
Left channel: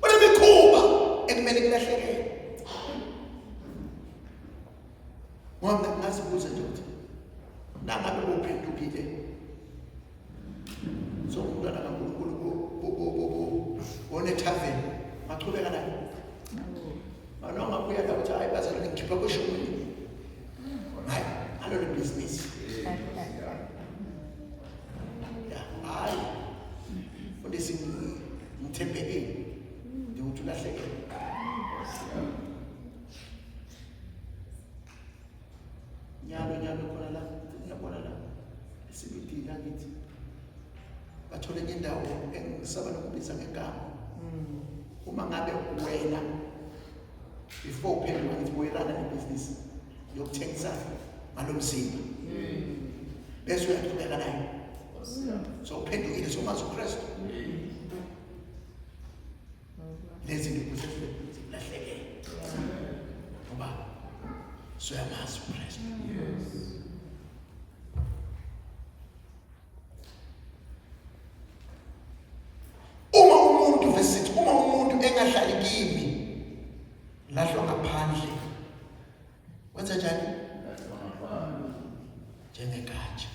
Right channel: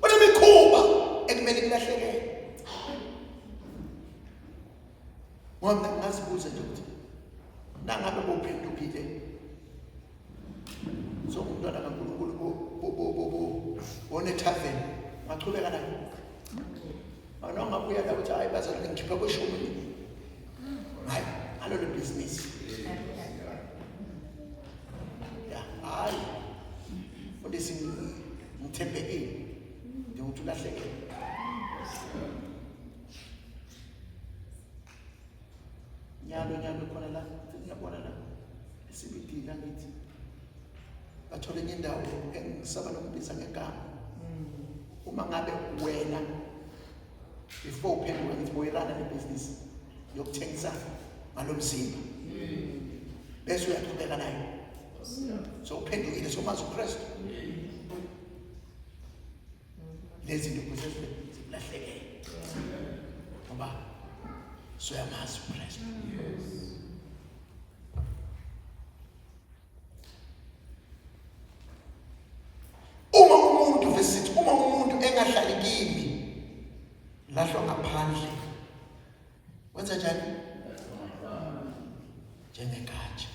Kunemikhuba ekumele kulahlekele. ngoba ngazibuza nje ukuthi nangabe bophendukile so umntwana kaNkulunkulu one tavern machubeka nayo anonga kuya la ukuthi hayi bazalwane ngikhipha kweshumi hayi alolu business hayi undisi ngithembekile ukuthi ulahleke nyalo khona la ngiyabona la esibidini angithi bathole enye indawo engisaba nokubiza ngegama uma ngabe wena before uphendula ngithi uyirana nebhizinisi yokuthengisa ngalomzimba bese uyaqhubeka nayo so uphendukile so mazi uKristu lezi zinto zikulahlekela ngoba soyamazi uKristu uma umuntu engahlali kimi lahlwa ngaphandle wenza njani njengegatsha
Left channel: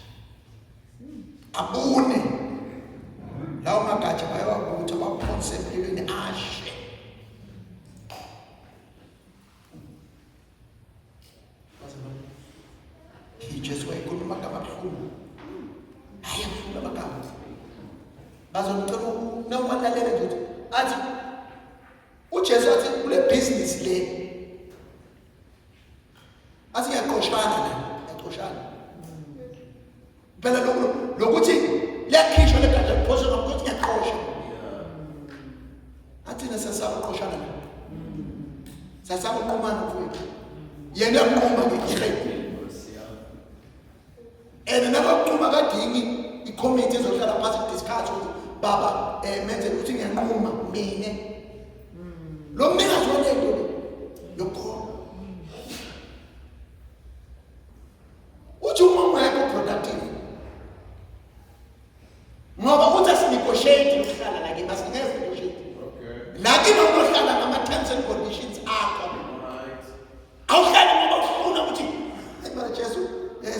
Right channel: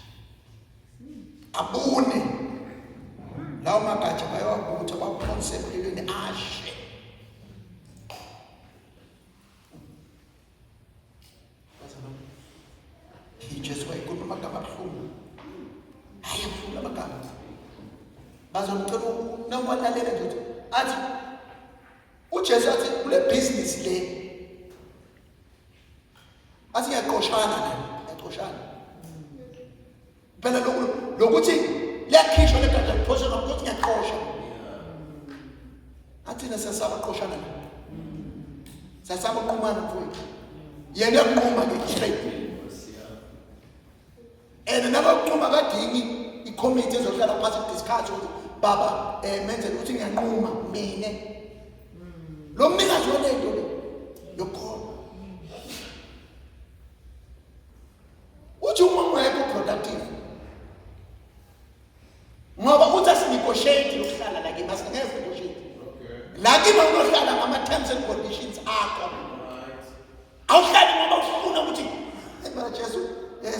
abune lawo magatsha bayawabutha baphonse empilweni ashe Jesu wayekhuluma amagama abuhlungu hayi abuhlungu amagama bazomcela nawalalela nje ukuthi athi uJesu athi kule business le athi yaqoshana phela lokuthi liyakhishwa legatsha liphoswe ngokuthi ngiyaqosha athina sasabaqoshana sasabaqhumana mfowethu yena uyaqhuma ngekhaya nabaqhuma kadingi i-committee ezohlala phansi discuss ukuthi baba menze ukuthi ngiyanquma mina lo mnikazi walento yokhona uthi uma ungekho productive ngoba uthi asinegotiate ukuhlala la kimi asingeke negotiate la kimi ngohlala ngama terms and conditions akho awuhlali ngoba ufuna ukuthi ebara Jesu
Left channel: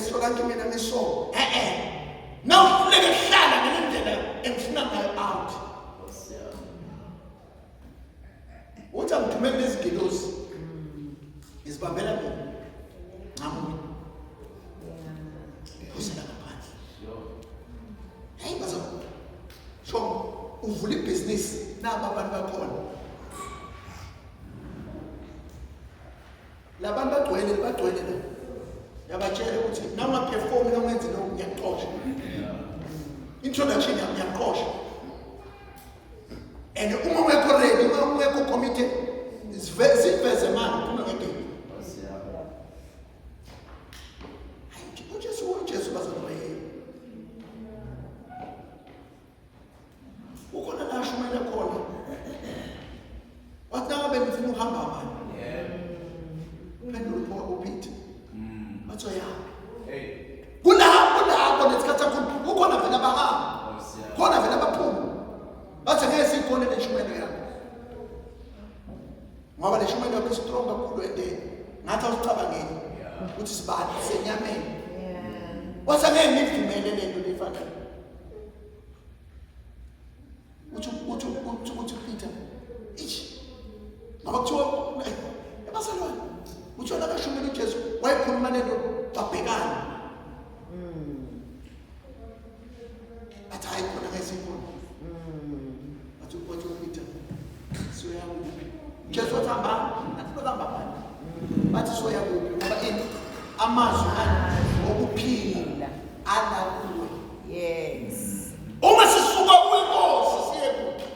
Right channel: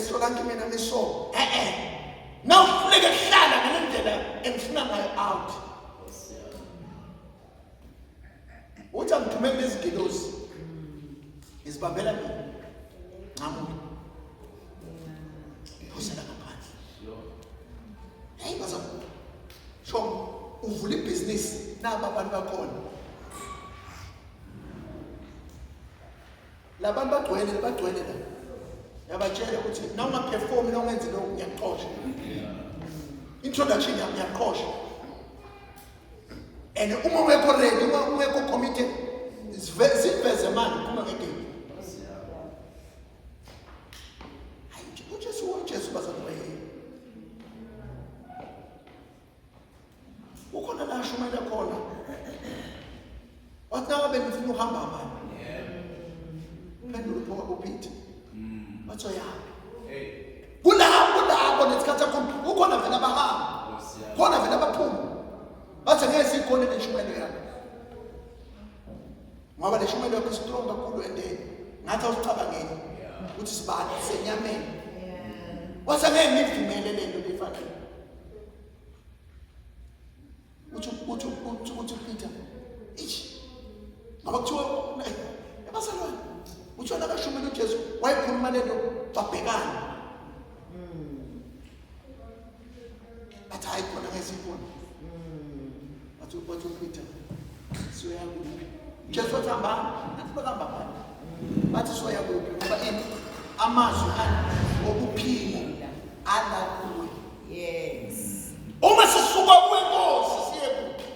sola kimi mina niso now ufuleke hlala ngendlela engifuna ngayo out uthi angithumele izigilosi izibambela mina ngamuntu iphosela ngaphandle hayi bazo so uvula ibhizinisi naba abantu bakhona labantu bagcwele la yabatshela ukuthi nawu perform na ungenzi lokho ngiyaxosha introduction yami ngiyaxosha and uma ungekho ready uma ungekho committed siveze manje uma ngeke uJesu bazobheka ukhona la shumela khona wathi nawe bengifuna uhamba manje phendula upho uPeter batho yapi kulapho nesikhathi sakho ukhona vele abahamba khona vele abaphuma bathi ngeke sikhona leshumelo yakho ngoba leshumelo yakho strong kakhulu endeni ngathi awusicabangeni ukuthi sibani senyameni wasa ngeke ngivumele lento lefanele uthi Peter ngoba kuthiwa ebasalwane uthi nakashumela uJesu wayekhuluma lento babhekana bathi hayi khona ngesikho bathi Peter soyakuphi Jesu wathi hamba nathi bahamba phana bathi soyakuphi ngoba ini amazwi okuphila ala kuwe yes uma sisuka kuNkosi siye kuphi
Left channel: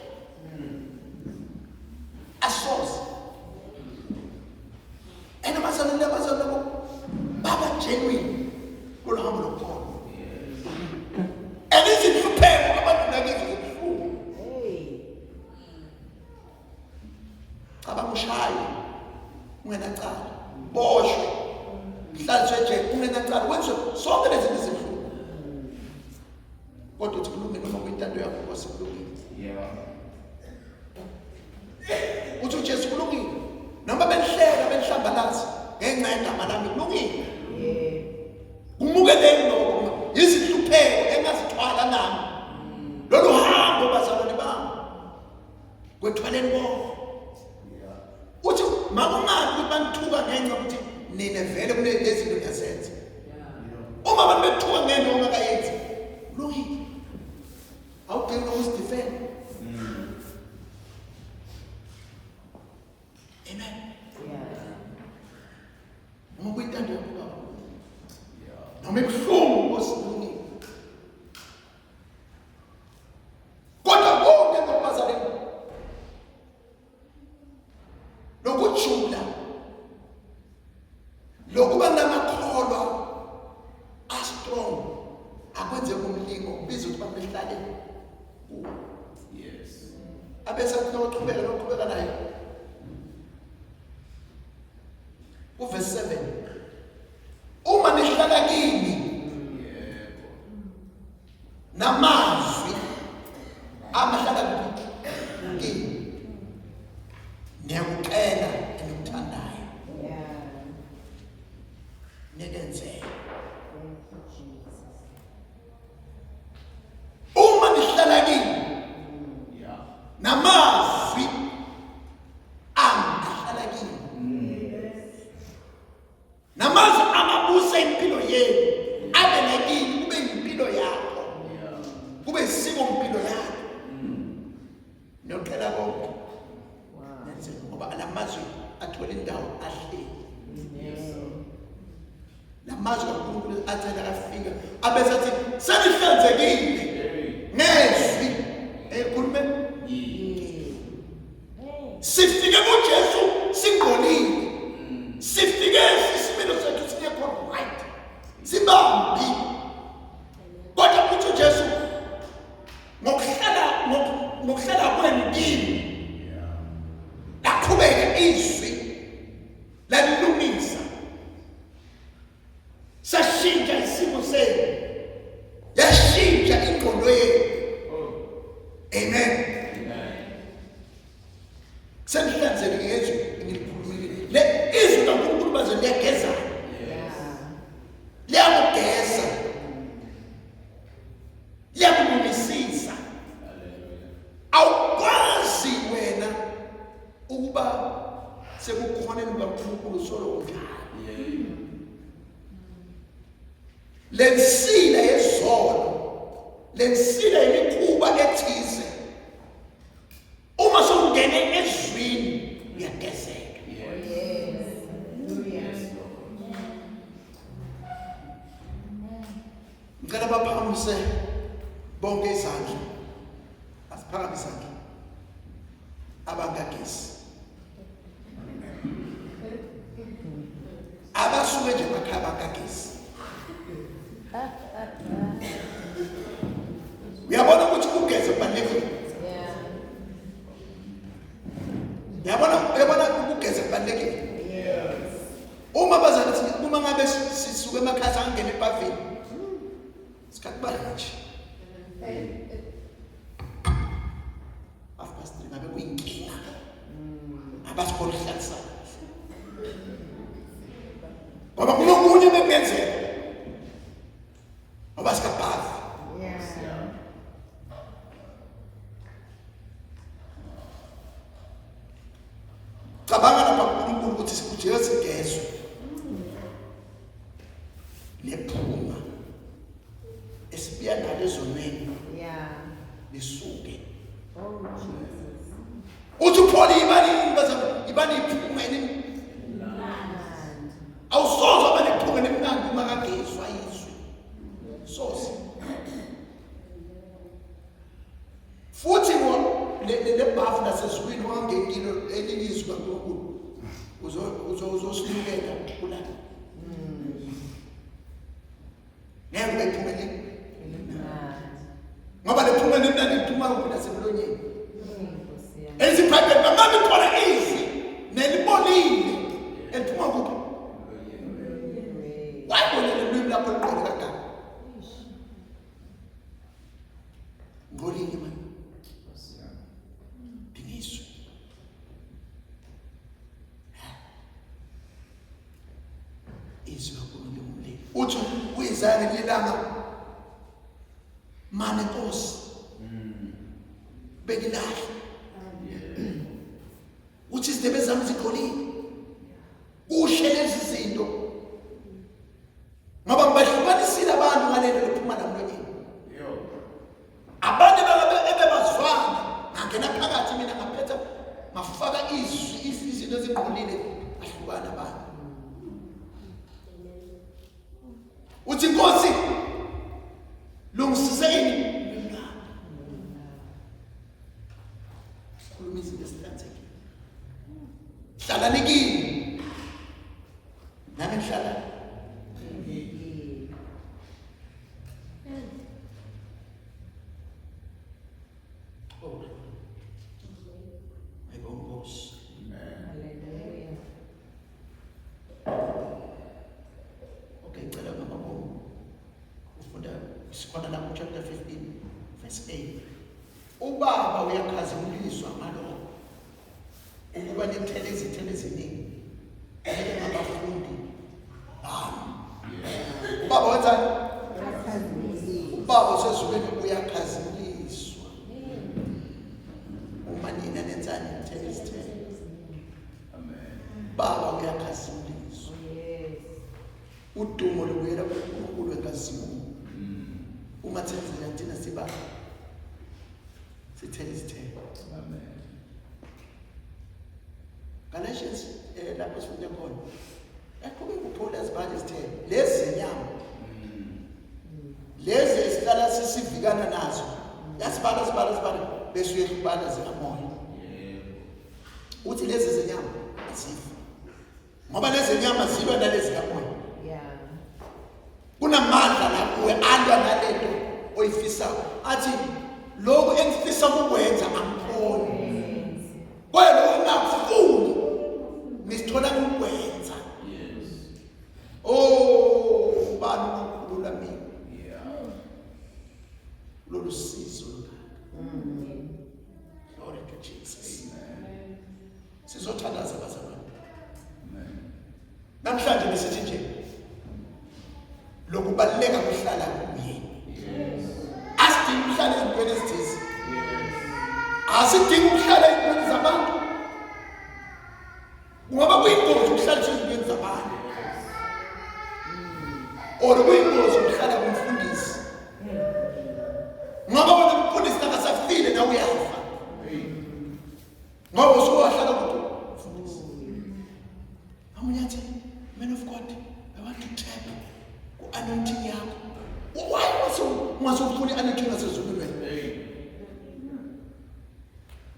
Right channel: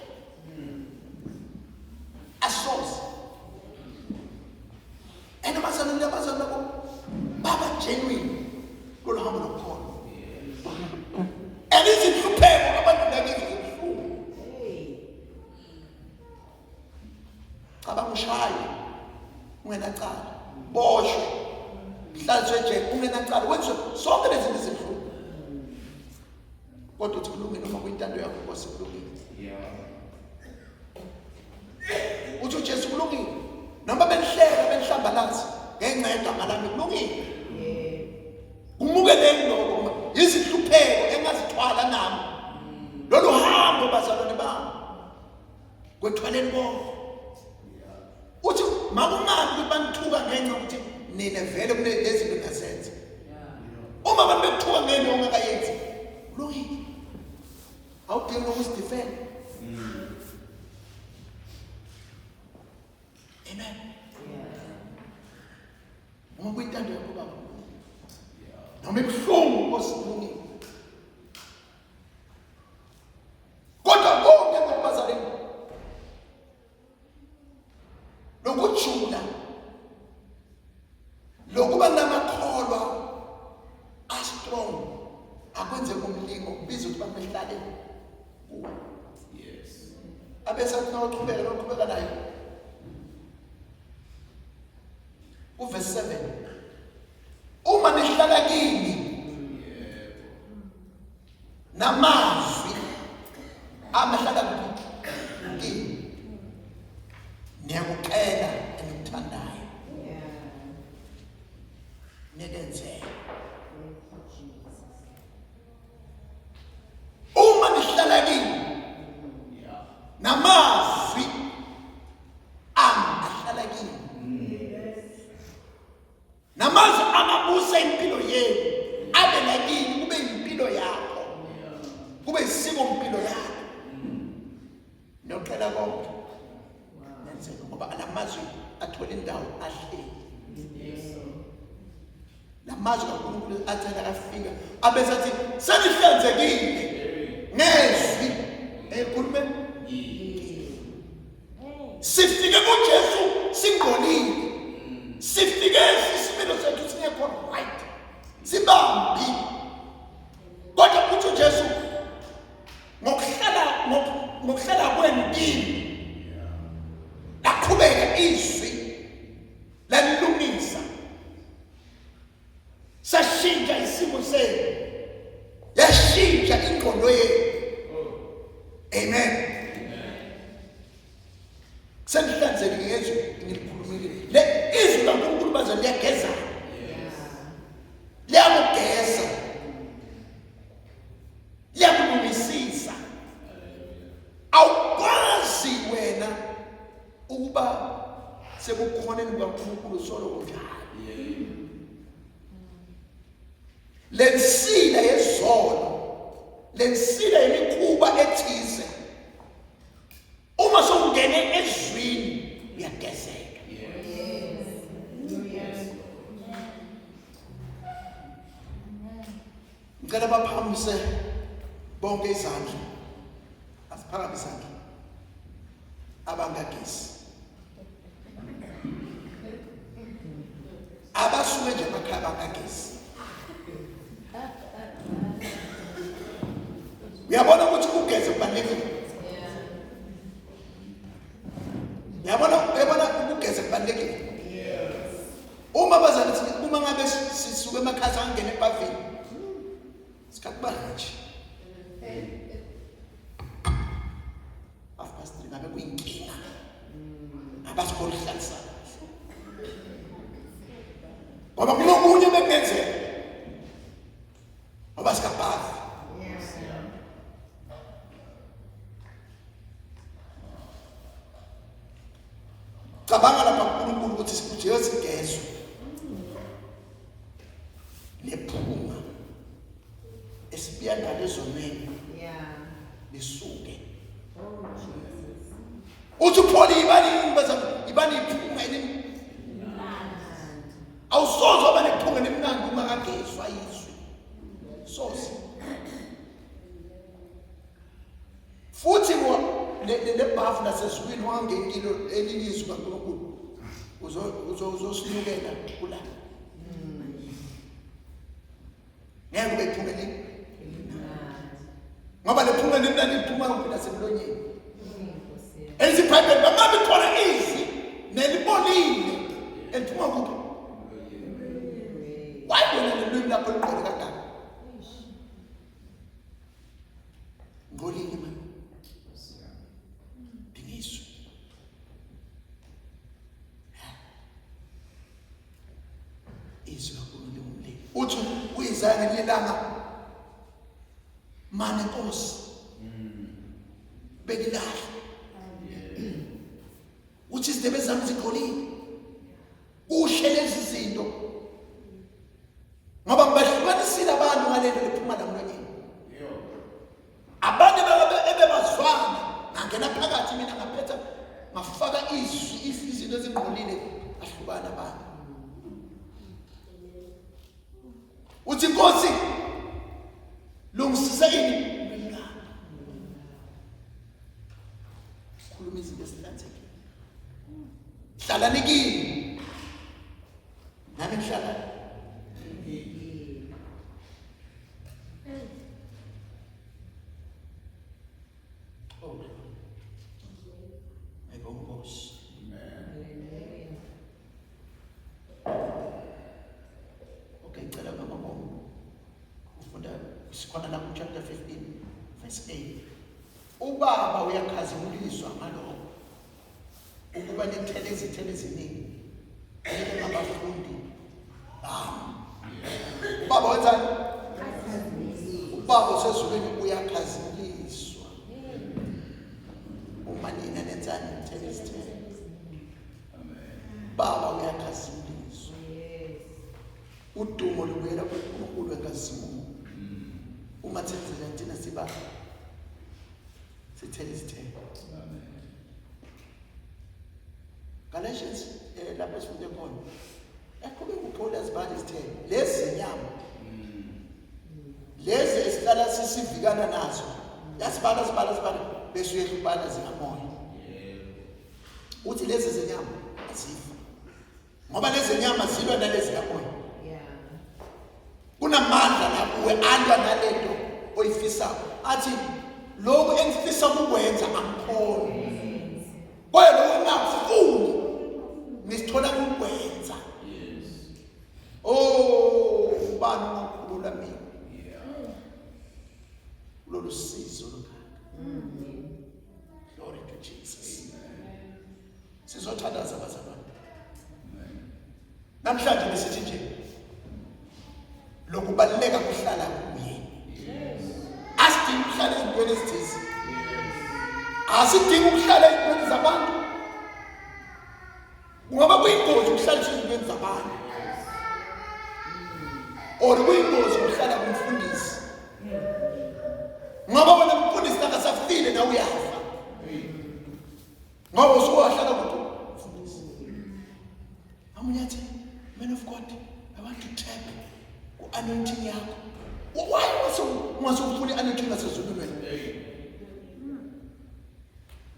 asoze abazalwane baba genuine kulohambo lokhona elizihlupheko abantu nakizo zobuhlungu cabangushaye ungenacala boshwe mhlanzwe nje ungenacala wenze sonke lezi zinto ezibuhlungu kodwa uthi kulungile uma kuyintando yakho Nkosi kulungile uthi uJesu kulungile noma benihleka benhlambalazi ngeke ngenxa yegama lami kulungile. Umukele lokho izihlupheko engazithwala nami. Lolu hambo bazalwane bami. Kwethwaleni bonke. Uthi makungabi banthuka ngenxa ukuthi nina vele kulezi zinto ngasenze. Uma abantu bethuka ngenxa ongakayenzi kulungile. Awudingi ukuzidefend. Amen. Uma kuyintando yakho baba. Noma ebuhlungu osilungile. Kodwa konke ngokubazaleni. Lokujula. Lokuba namakholwa strong. Akwenze kumlingo kubiza ukuthi bamehlale. Yes. Abese noqhubeka naye. Verse 7. Uma nihlala kini namazwi amahlala kini niyakukela enikuthandayo nekenzeka. Uma nihlala kini namazwi amahlala kini namazwi amabusa impilo yenu abe nakini kube impilo yakho kube isiko impilo yakho nokela konke nenzeka ngoba lamazwi athola indawo ahleli lamazwi kaNkulunkulu athanda afika abese athi senihlanzekile ngezwi ekhulume sifike kuJesu singcolile sifike isimilo sethu singekho right sibambi kodwa kuthi uJesu ngokuhlala kwenu kini laqhubeka izwi lalilungisa sashintsha isimo senu yashintsha ingqondo yenu. Amen. Senihlanzekile ngezwi ngilikhulumile le izwi kaNkulunkulu baze liyageza liyakugeza liyakubulisisa awukwazi wena ukuba sekukhoneni kaNkulunkulu solo unjani lensila yezolo lensila yemikhuba ethize uma sokungene ezwini uyagezeka. Ngicela baphakamise bonke izandla asiphakamise izandla abangagesi abasuke nje emakhaya abangagesi. Uyabona ukuthi ukugeza kubalulekile. Uyabona ukugeza kubalulekile. Uma bazalithi uma ngabe sisuke emakhaya sangena ebhavini sikakubala nje. After ngabe kuyinkinga. Abasikho hlalisa. Ngoba kunokunye bekenzeka. Ngoba sikabhavi. Cabanga lapha kuNkulunkulu ukuthi sikujesu sigezwe. Lephuma. Esibiya ngalezonweni. Lisuke. Uthi upholi ibani iphunga elimnandi. Awusoze abe nephunga elimnandi uma kagezwa izwi. Soze. Futhi le bafu nasezwini wangengilo elilizwi kaNkulunkulu uzosilukela kula. Ngeke bephunga elimnandi. Ngoba lephunga elimnandi liphuma kuphi nasemlonyeni. Ezibhayibheli bangabe khona izwi nelibonile eliphuma kuphi. Wayibona lelwimi lapho liqhele kangaka. Ngolini manje. uthi uyizaya ngelilanga mane Nkosi bekilahle uthi izindebe zami ziqolile ushe lezi zinto ngoba ngibahlukanisile abantu ngalento liphuma la mlonyeni abantu ebebazwana ngangena phakathi mina ngaphetha ngafaka izinto eziqolile ahlukana abantu uthi Nkosi lungisise ini khuluma izinto ezihlanzekile hlala nikini nami ngihlala sikhona la chapter 15 verse 8 ubaba uyakhazimulizwa ngalokho ukuba nithele izithelo eziningi nike ngabafundi ubaba wenzani ubaba usezulwini uyakhazimuliswa uma nina nenzani nithele izithelo baba uyakhazimuliswa udumo lubuyela kuNkulunkulu enkazimulo uma senzela thina siba sithele izithelo amen Galatians lapho sifunde khona aqhubeka uPaul ezibhala izithelo lezi nyama lezi esihlala sisivikana nazo yasibala bese uyehlubana zikamoya uthi lezi zenyama azifi ngoba lezi nyama zilwa nalezi kamoya kunamandla lapho alwa nalento oyifisayo athi lokho engifisa ukwenza angkhoni kodwa lokho ngakufuni ngisithola ukwenza ubani ukhulula mina lolu sizo glory to Jesus sizothandaza bazalwane namhlanje besithi nje lokubaleka kuhlala kuye asidingi ukuhlala ezintweni ezithize asidingi ukuhlala ezintweni zabantu ngoba kuyingozi ukuhlala ezintweni zabantu or kuyingozi ukuhlala kumfundisi ngoba wena umfundisi akasafile na uyafa ngoba usuwahlala kumfundisi amunyathi man of God I want to tap anointing yakho why wasufuna anointing nasezulwini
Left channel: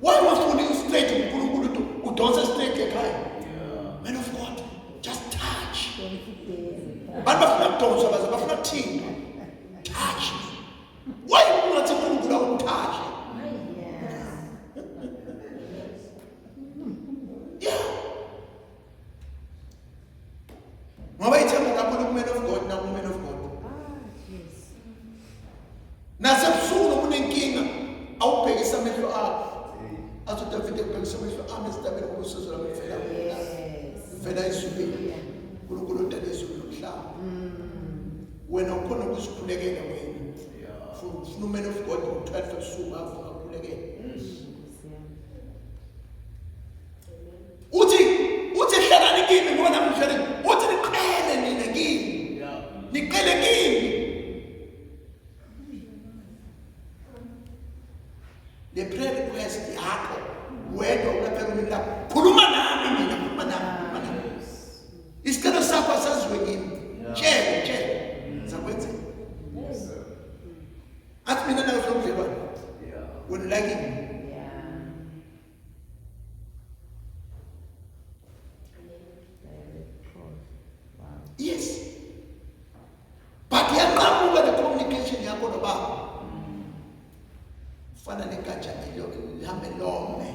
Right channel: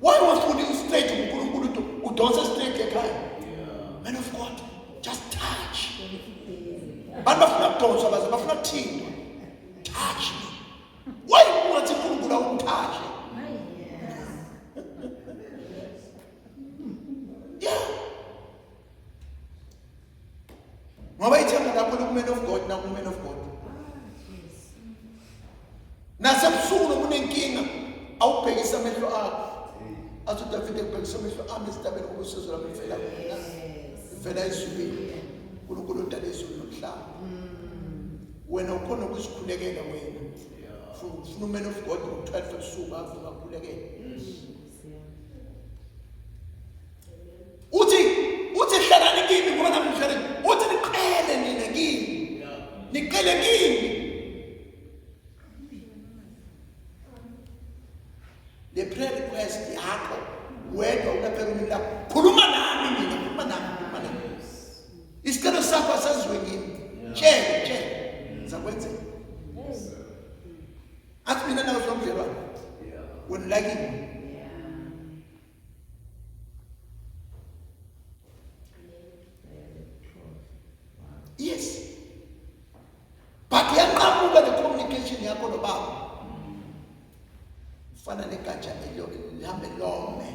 why wasufuna straight uNkulunkulu udonsa straight ekhaya man of God just touch abantu bafuna ukudonsa bafuna ukuthinta touch why ungathi uNkulunkulu awutouch yeah ngoba ithemba lakho lokuman of God na woman of God nasebusuku nokunenkinga awubhekisa amehlo akho athi David ebhekisa amehlo ami esitabeni ngokusizo lami mfela mfela izulwini uNkulunkulu udale izulu nomhlaba wena ukhona ukuzikhulekela wena ufuna uman of God ngo-12 ebusuku afuna ukukhulekela uthi hlalani kimi ngoba nami ngihlale uthi niqele nina kimi niqele kimi the prayer request yakho wedwa ukaphela umlilo khuluma nami mina khuluma nami isicelo sakho asaziwe kimi tshela ngizakwenza athi mina nawe somdlelwane wena like me yes but yaqhamuka le communication yakho nobaba ufana negatsha lihambe lome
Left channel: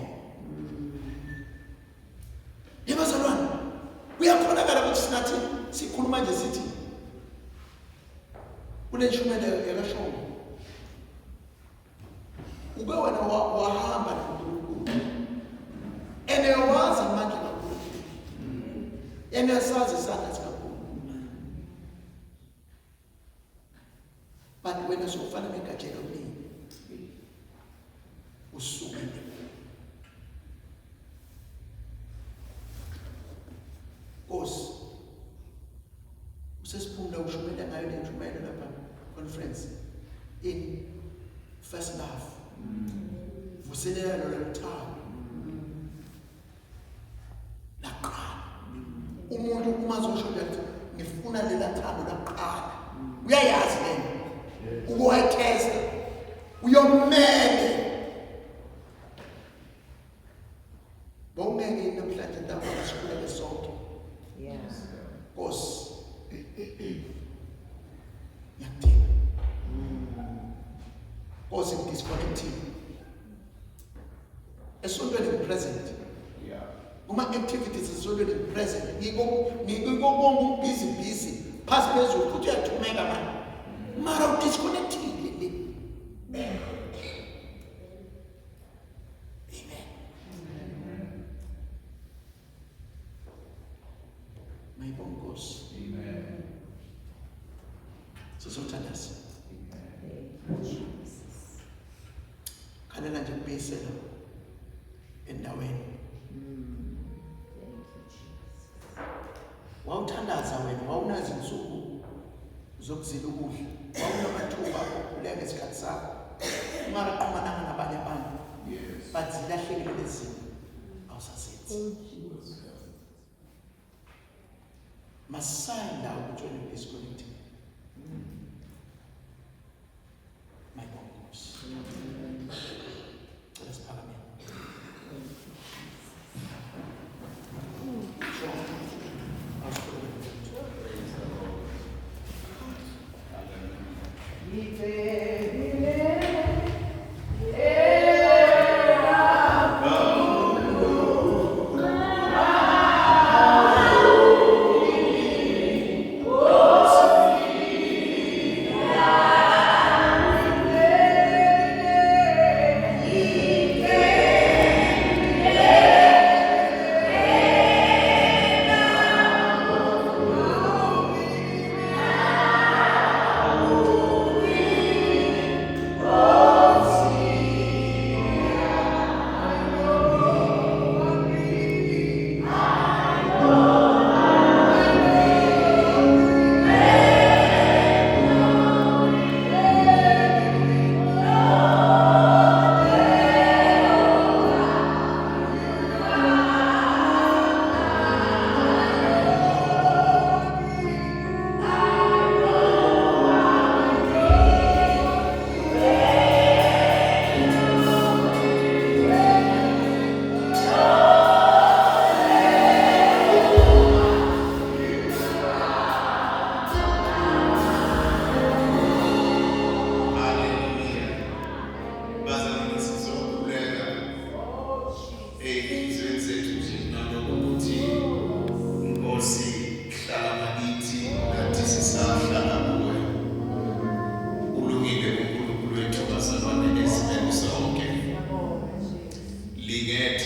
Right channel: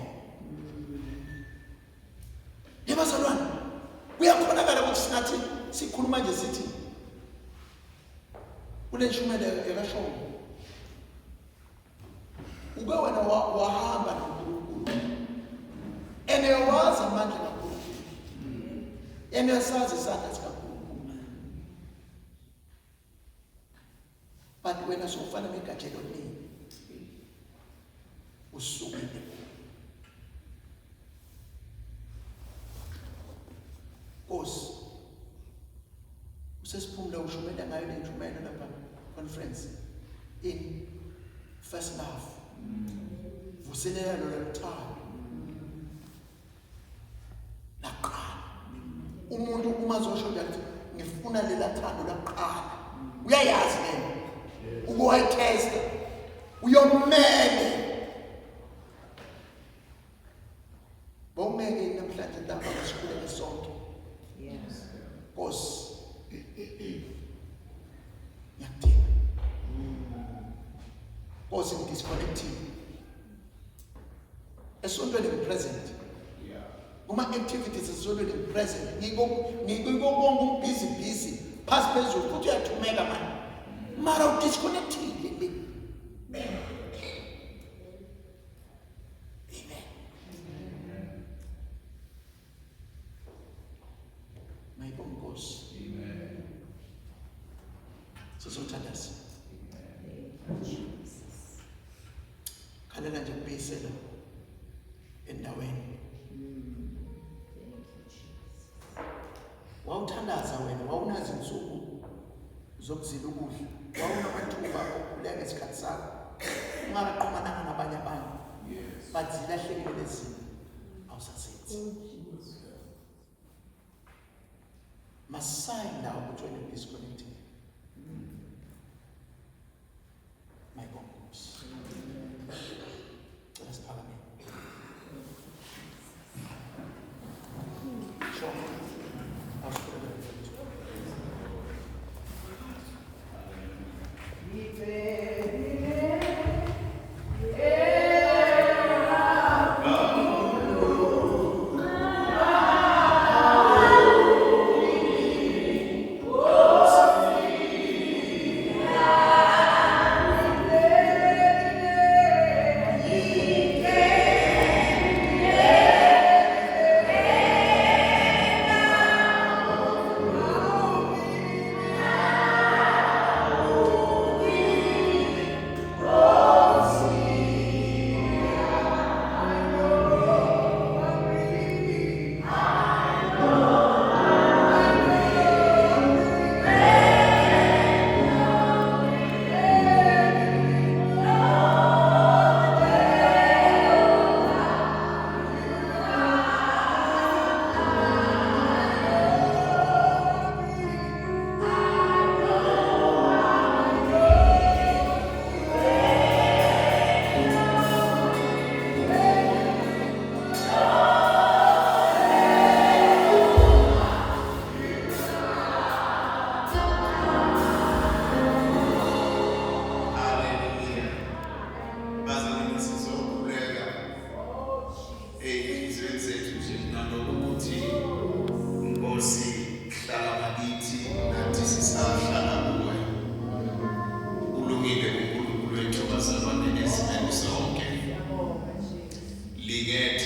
yebazalwane kuyakhonakala ukuthi sinathi sikhuluma nje sithi kuneshumela yakashongo ube wena wahamba noNkulunkulu enewazi amandla kaNkulunkulu enesazi isandla sikaNkulunkulu wena sokufana negajelo lini usukile. Nkosi usesiphumula ushumela ngayo le ntshumayelo lapha conference in first love. Vuselela loluthando laqala. Umuntu uma zosho ukuthi ngifuna lela thando laqala, uyayazi lena ukuwayitesta uyomele. Bongeke namhlanje ntamba ngasukule sonke. Nkosi ngiyadinga. Nkosi ngidisconnective. Esontweni present. Uma activities esontweni present. Ngiko bonke busy past phezulu futhi uyathumeka manje. Mara udisconnective le. Mayibonge Nkosi. Amen. Sizothandaza. Khalela nje kubuyisela endaweni. Wawuthandaza wena, wawunazi insuku zokuzila ukudla. Wawunamathuba okukhuleka ngesikhathi sakho. Ungaqhumananga nabanye abantu. But zilahlekile lezi awusasethi. Masayina ukuthi wena disconnected. My God. Let us pray. Sure. I'll put it in. Ligé